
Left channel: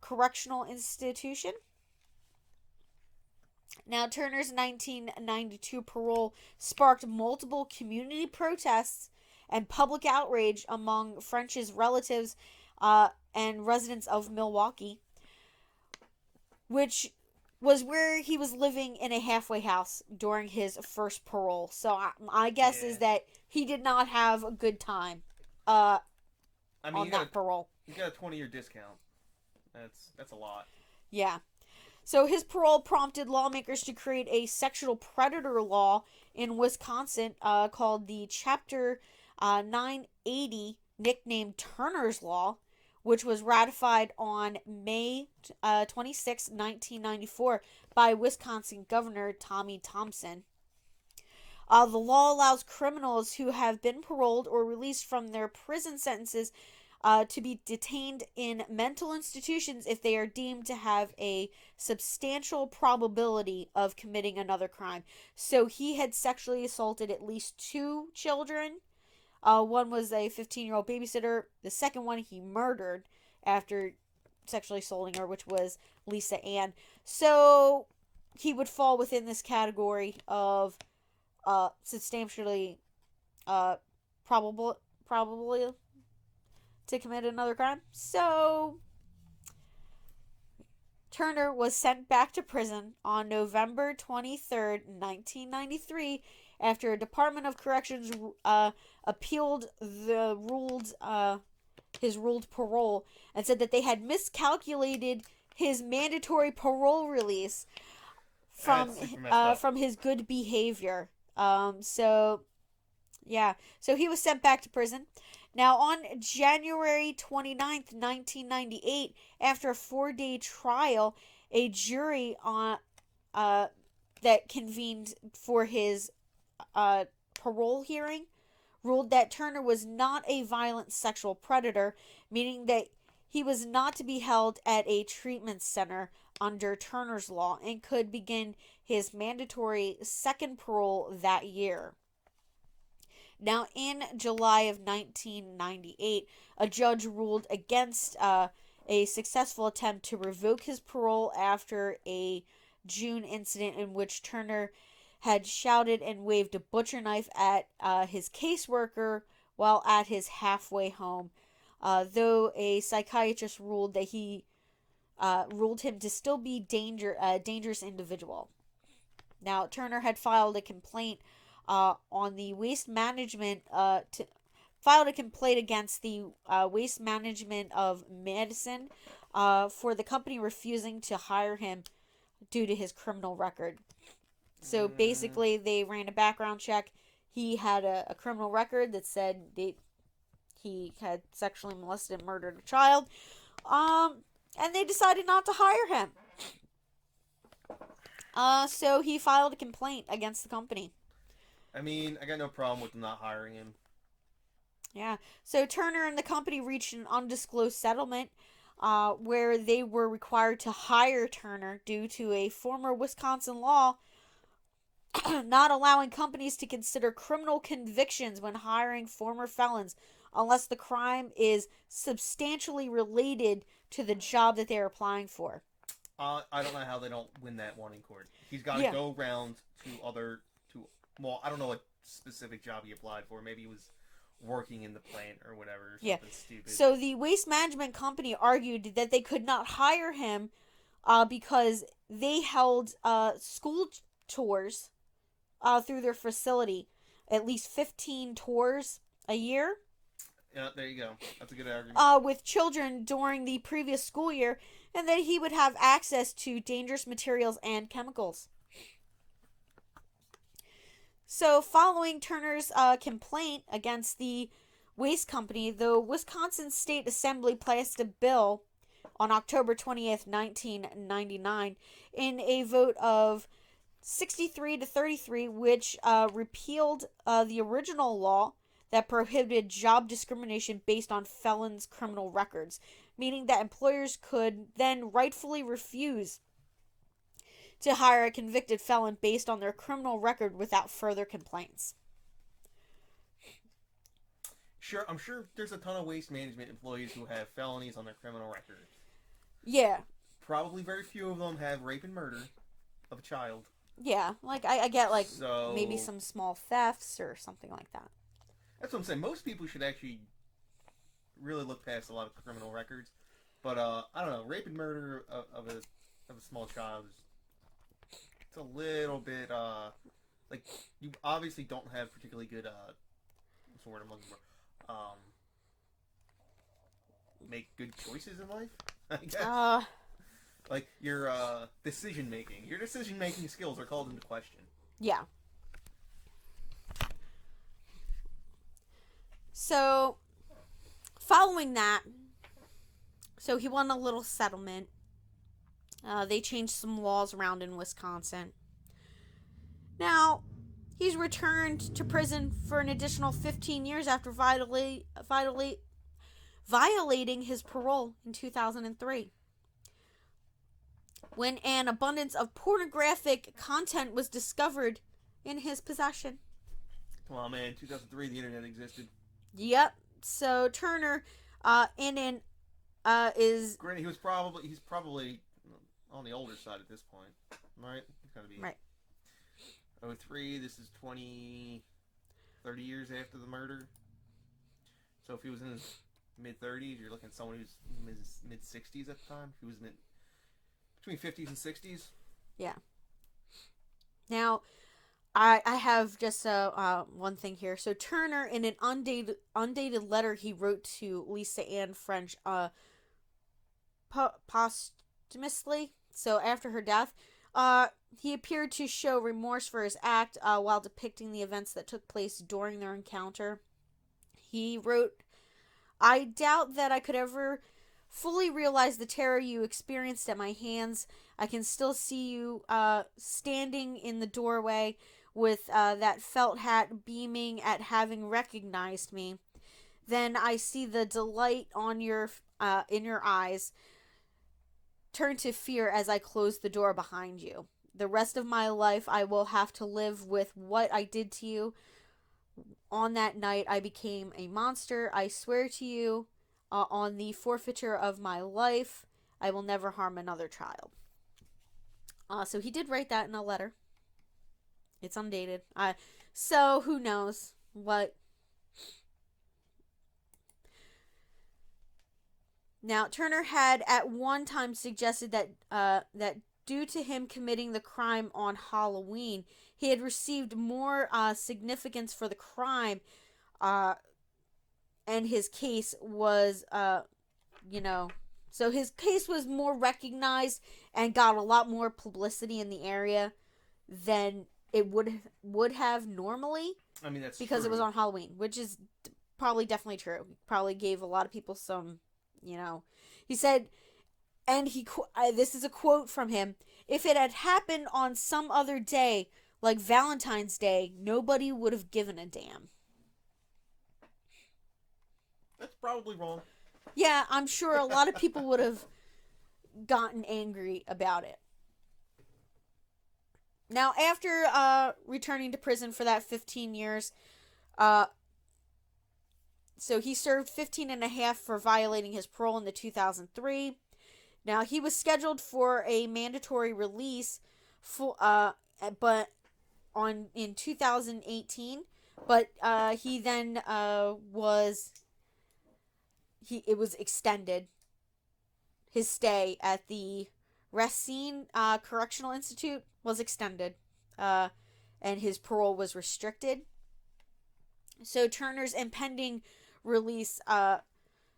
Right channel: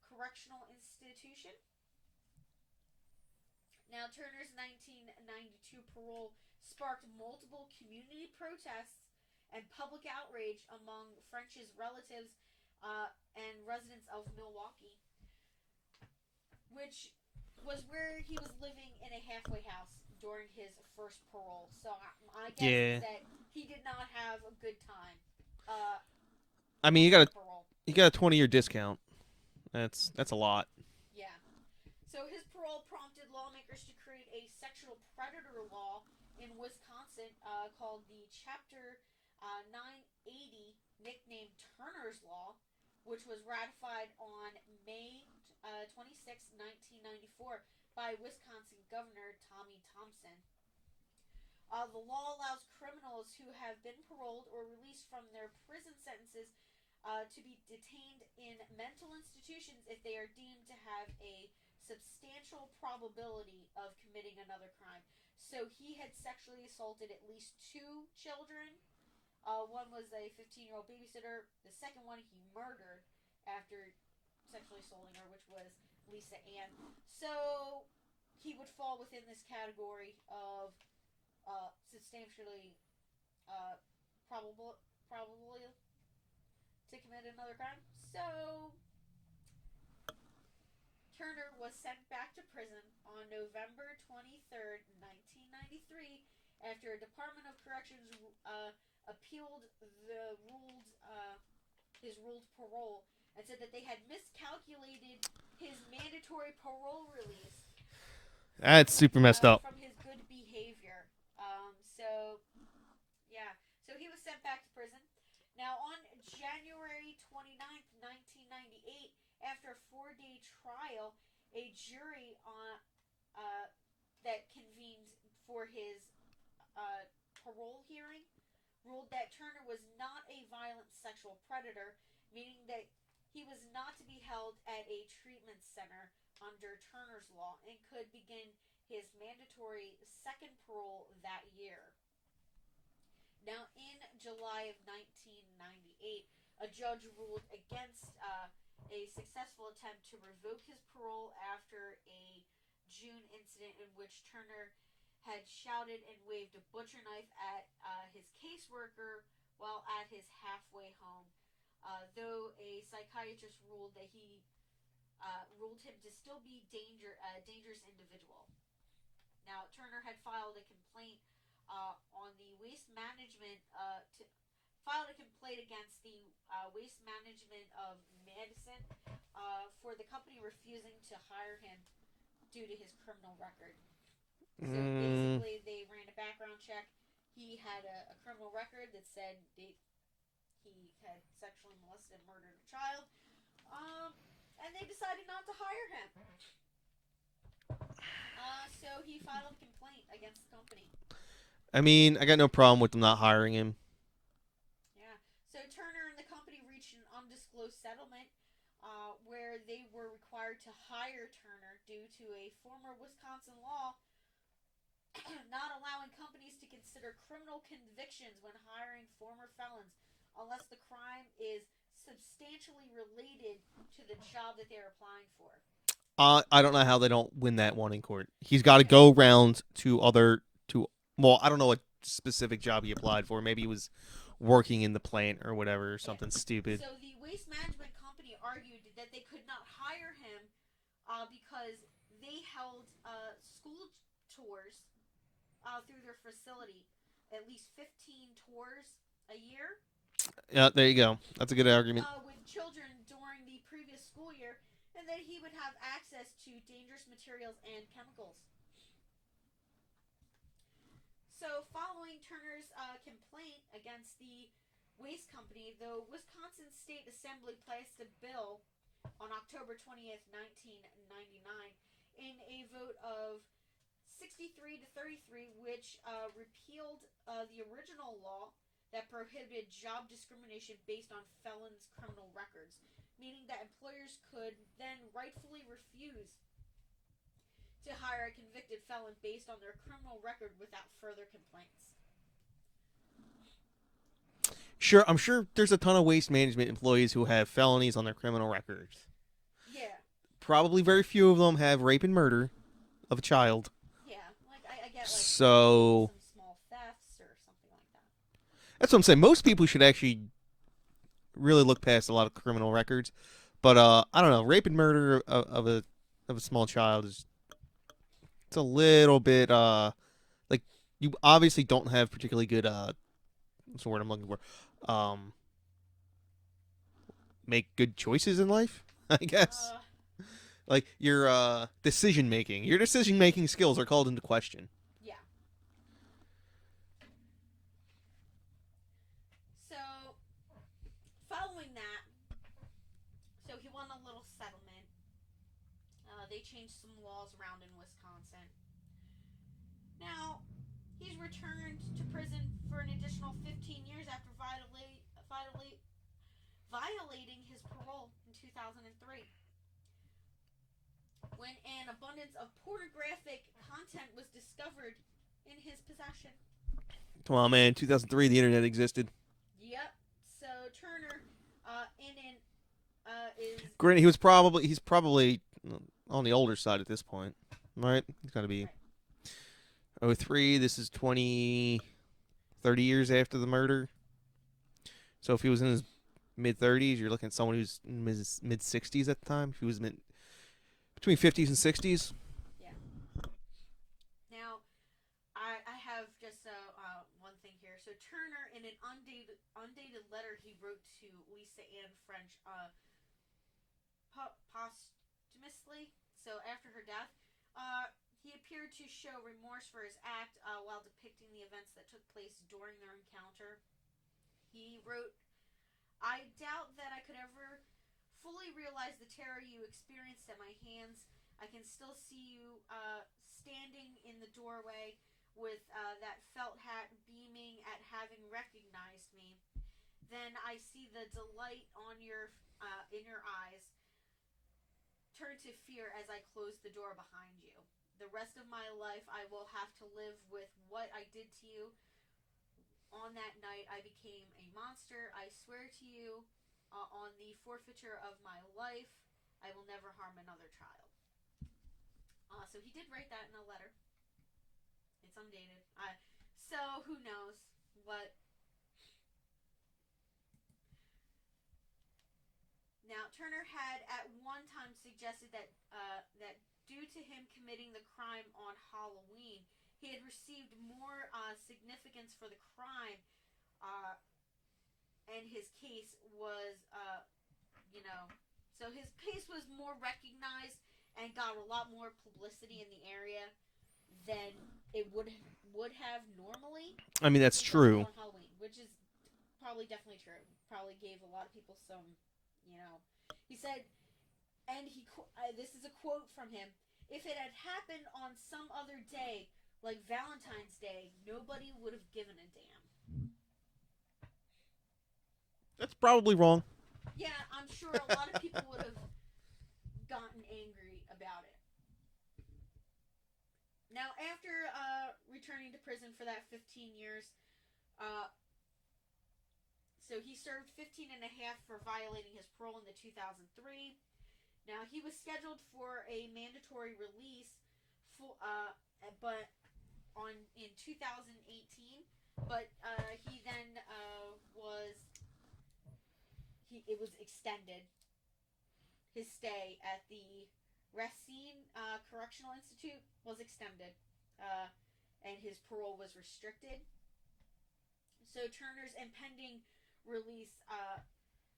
Correctional Institution. Now, Turner's 1992 parole sparked multiple community protests and public outrage among French's relatives and residents of Milwaukee, which was where he was living in a halfway house during his first parole. So my guess is that he did not have a good time. I mean, you got parole. You got a 20-year discount. That's a lot. Yeah. So his parole prompted lawmakers to create a sexual predator law in Wisconsin called the Chapter 980, nicknamed Turner's Law, which was ratified on May 26, 1994 by Wisconsin Governor Tommy Thompson. The law allows criminals who have been paroled or released from their prison sentences to be detained in mental institutions if they are deemed to have a substantial probability of committing another crime. So he had sexually assaulted at least 2 children. One was a 15-year-old babysitter. The second one he murdered after sexually assaulting her, which was Lisa Ann. So he would fall within this category of substantially probably to commit another crime. So Turner was sent back to prison on November 23rd, 1993, after a Department of Corrections appealed the ruled his ruled parole and said that they had miscalculated his mandatory parole release That's super messed up. from his good behavior. So yeah, so he was sent back to prison. Now, on January 29th, 1998, after a 4-day trial, a jury that convened for his parole hearing ruled that Turner was not a violent sexual predator, meaning that he was not to be held at a treatment center under Turner's law and could begin his mandatory second parole that year. Now, in July of 1998, a judge ruled against a successful attempt to revoke his parole after a June incident in which Turner had shouted and waved a butcher knife at his caseworker while at his halfway home, though a psychiatrist ruled that he ruled him to still be a dangerous individual. Now, Turner had filed a complaint on the waste management filed a complaint against the waste management of Madison for the company refusing to hire him due to his criminal record. So basically, they ran a background check. He had a criminal record that said he had sexually molested and murdered a child. And they decided not to hire him. So he filed a complaint against the company. I mean, I got no problem with them not hiring him. Yeah. So Turner and the company reached an undisclosed settlement where they were required to hire Turner due to a former Wisconsin law not allowing companies to consider criminal convictions when hiring former felons unless the crime is substantially related to the job that they're applying for. I don't know how they don't win that one in court. He's got to go around to well, I don't know what specific job he applied for. Maybe he was working in the plant or whatever, or something stupid. So the waste management company argued that they could not hire him because they held school tours through their facility, at least 15 tours a year. Yeah, there you go. That's a good argument. With children during the previous school year, and that he would have access to dangerous materials and chemicals. So, following Turner's complaint against the waste company, the Wisconsin State Assembly passed a bill on October 20th, 1999, in a vote of 63 to 33, which repealed the original law that prohibited job discrimination based on felons' criminal records, meaning that employers could then rightfully refuse to hire a convicted felon based on their criminal record without further complaints. Sure, I'm sure there's a ton of waste management employees who have felonies on their criminal records. Yeah. Probably very few of them have rape and murder of a child. Yeah, like I get like maybe some small thefts or something like that. That's what I'm saying. Most people should actually really look past a lot of criminal records, but I don't know. Rape and murder of a small child it's a little bit like you obviously don't have particularly good what's the word I'm looking for? Make good choices in life, I guess. Like your decision making skills are called into question. Yeah. So, following that, so he won a little settlement. They changed some laws around in Wisconsin. Now, he's returned to prison for an additional 15 years after violating his parole in 2003. When an abundance of pornographic content was discovered in his possession. Come on, man. 2003, the internet existed. Yep. So Turner, is. Granted, he's probably on the older side at this point, right? He's got to be. Right. 03. This is 30 years after the murder. So if he was in his mid 30s, you're looking at someone who's mid 60s at the time. If he was between 50s and 60s. Yeah. Now, I have just one thing here. So Turner, in an undated letter he wrote to Lisa Ann French posthumously, so after her death, he appeared to show remorse for his act while depicting the events that took place during their encounter. He wrote, "I doubt that I could ever fully realize the terror you experienced at my hands. I can still see you standing in the doorway with that felt hat, beaming at having recognized me. Then I see the delight on your in your eyes turn to fear as I close the door behind you. The rest of my life I will have to live with what I did to you. On that night I became a monster. I swear to you, on the forfeiture of my life, I will never harm another child." So he did write that in a letter. It's undated. So who knows what. Now, Turner had at one time suggested that due to him committing the crime on Halloween, he had received more significance for the crime, and his case was, so his case was more recognized and got a lot more publicity in the area than it would have normally. I mean, that's because true. It was on Halloween, which is probably definitely true. Probably gave a lot of people some, He said, and this is a quote from him: "If it had happened on some other day, like Valentine's Day, nobody would have given a damn." That's probably wrong. Yeah, I'm sure a lot of people would have gotten angry about it. Now, after returning to prison for that 15 years, so he served 15 and a half for violating his parole in the 2003. Now, he was scheduled for a mandatory release but in 2018, but he then it was extended. His stay at the Racine Correctional Institute was extended, and his parole was restricted. So Turner's impending release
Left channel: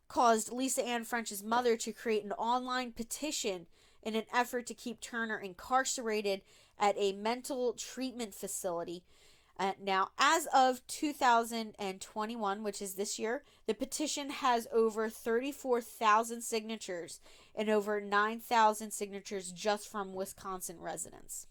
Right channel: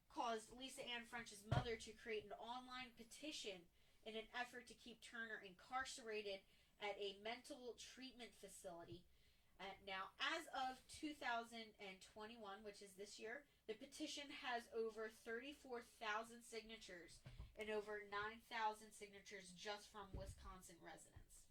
caused Lisa Ann French's mother to create an online petition in an effort to keep Turner incarcerated at a mental treatment facility. Now, as of 2021, which is this year, the petition has over 34,000 signatures and over 9,000 signatures just from Wisconsin residents.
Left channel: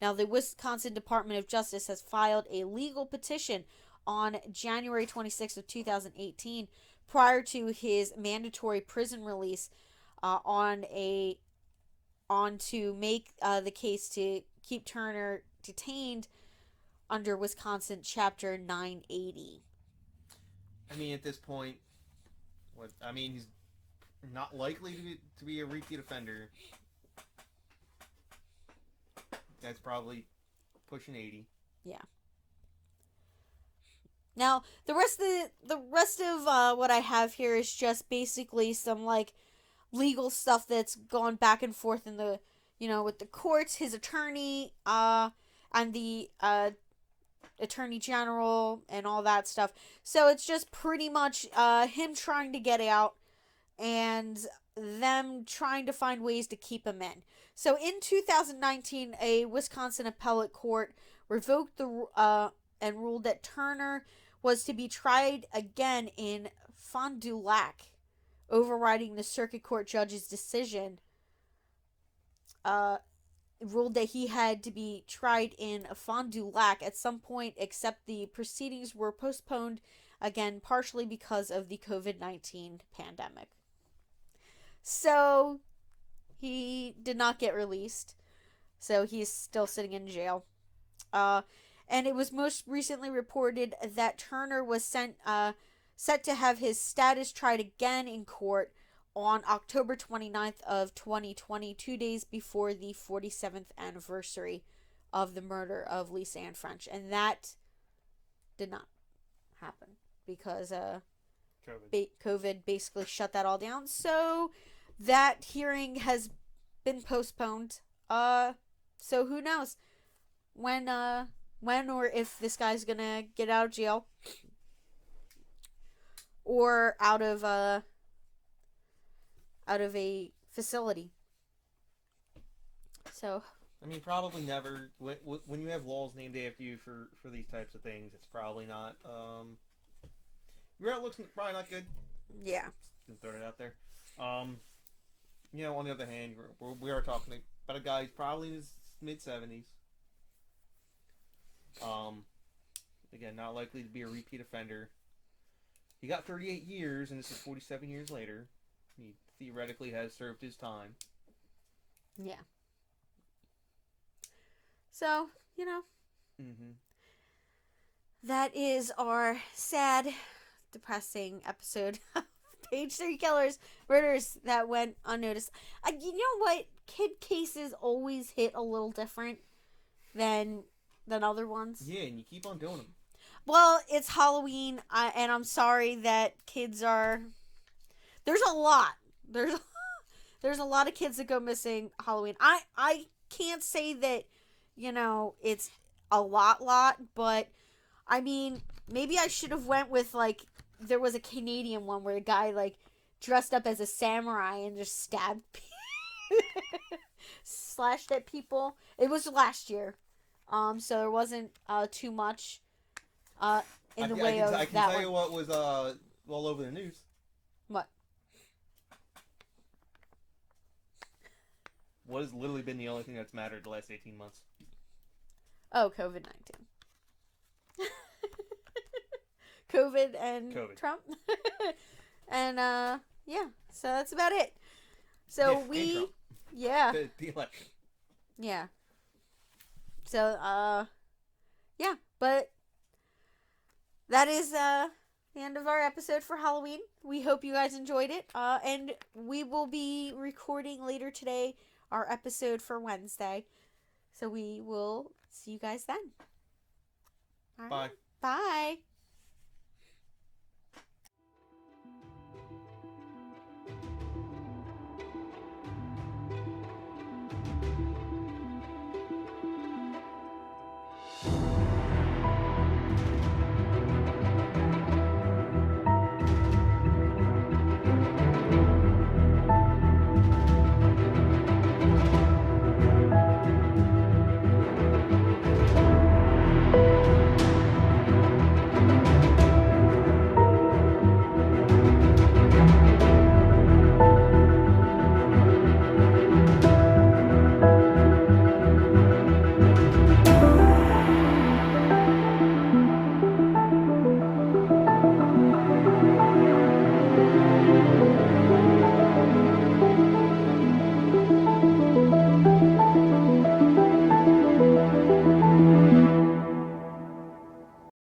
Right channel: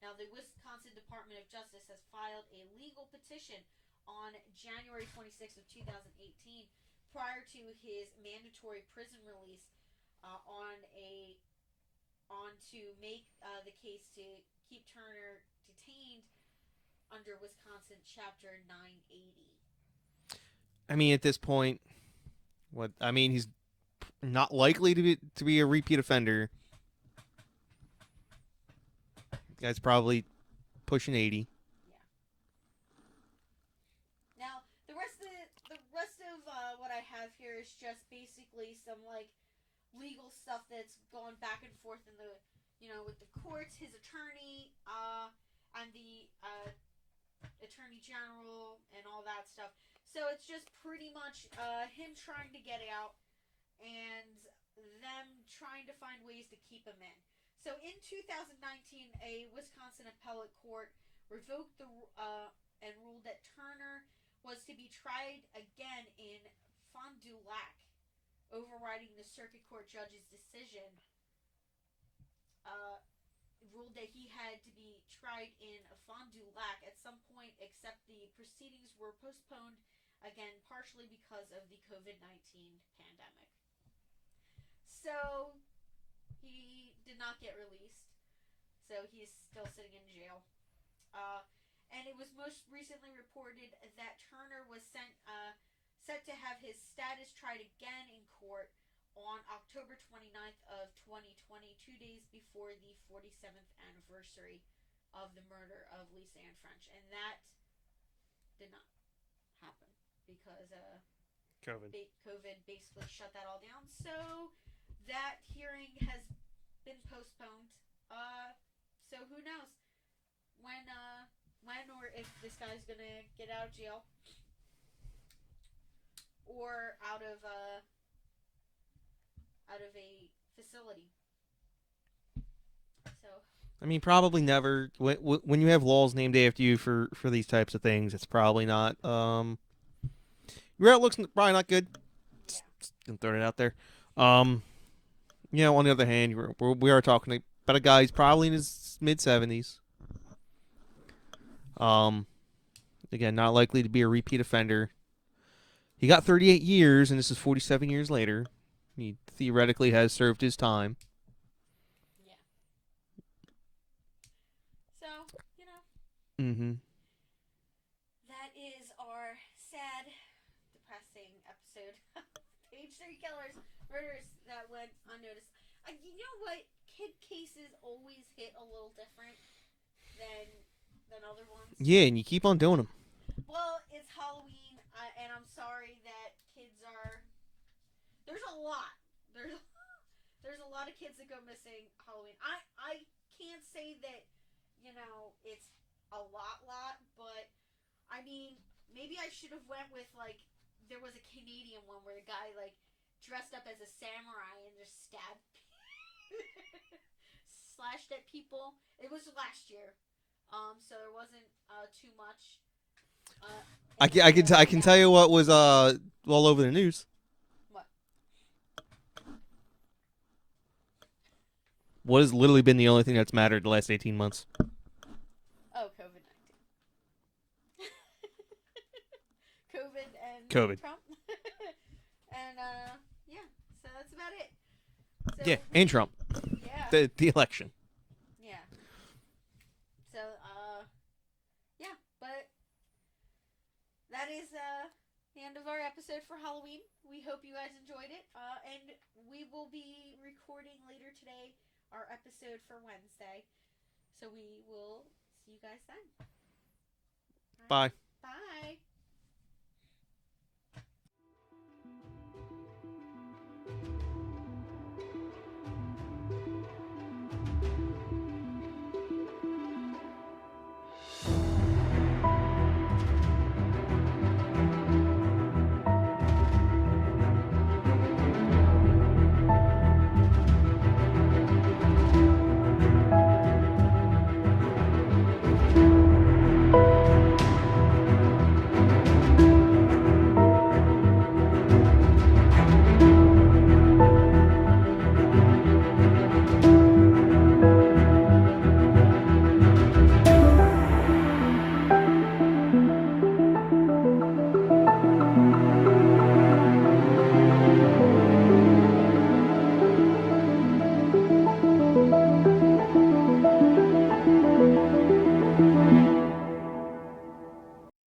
Now, the Wisconsin Department of Justice has filed a legal petition on January 26th of 2018, prior to his mandatory prison release, to make the case to keep Turner detained under Wisconsin Chapter 980. I mean, at this point, he's not likely to be a repeat offender. Guy's probably pushing 80. Yeah. Now, the rest of what I have here is just basically some legal stuff that's gone back and forth in the with the courts, his attorney, and the attorney general and all that stuff. So it's just pretty much him trying to get out and them trying to find ways to keep him in. So in 2019, a Wisconsin appellate court revoked and ruled that Turner was to be tried again in Fond du Lac, overriding the circuit court judge's decision. Ruled that he had to be tried in Fond du Lac at some point, except the proceedings were postponed again, partially because of the COVID-19 pandemic. So he did not get released. So he's still sitting in jail. And it was most recently reported that Turner was set to have his status tried again in court on October 29th of 2020, 2 days before the 47th anniversary of the murder of Lisa Ann French. And that did not happen because COVID basically shut that all down. So that hearing has been postponed. So who knows when when or if this guy's gonna get out of jail or out of a facility. So, I mean, probably never. When you have laws named after you for these types of things, it's probably not. Your outlook's probably not good. yeah. Just gonna throw it out there. Um, on the other hand, we are talking about a guy who's probably in his mid-70s. Again, not likely to be a repeat offender. He got 38 years, and this is 47 years later. He theoretically has served his time. Yeah. So, Mm-hmm. that is our sad, depressing episode. Page 3 killers, murders that went unnoticed. You know what? Kid cases always hit a little different than other ones. Yeah, and you keep on doing them. Well, it's Halloween, and I'm sorry that kids are. There's a lot. There's a lot of kids that go missing Halloween. I can't say that, it's a lot, but I mean, maybe I should have went with like there was a Canadian one where a guy like dressed up as a samurai and just stabbed slashed at people. It was last year. So there wasn't too much I can tell you what was all over the news. What? What has literally been the only thing that's mattered the last 18 months? Oh, COVID-19. COVID and Trump. And yeah, so that's about it. So yeah, and Trump. Yeah. The election. Yeah. So yeah, but that is the end of our episode for Halloween. We hope you guys enjoyed it. And we will be recording later today our episode for Wednesday. So we will see you guys then. Bye. Bye.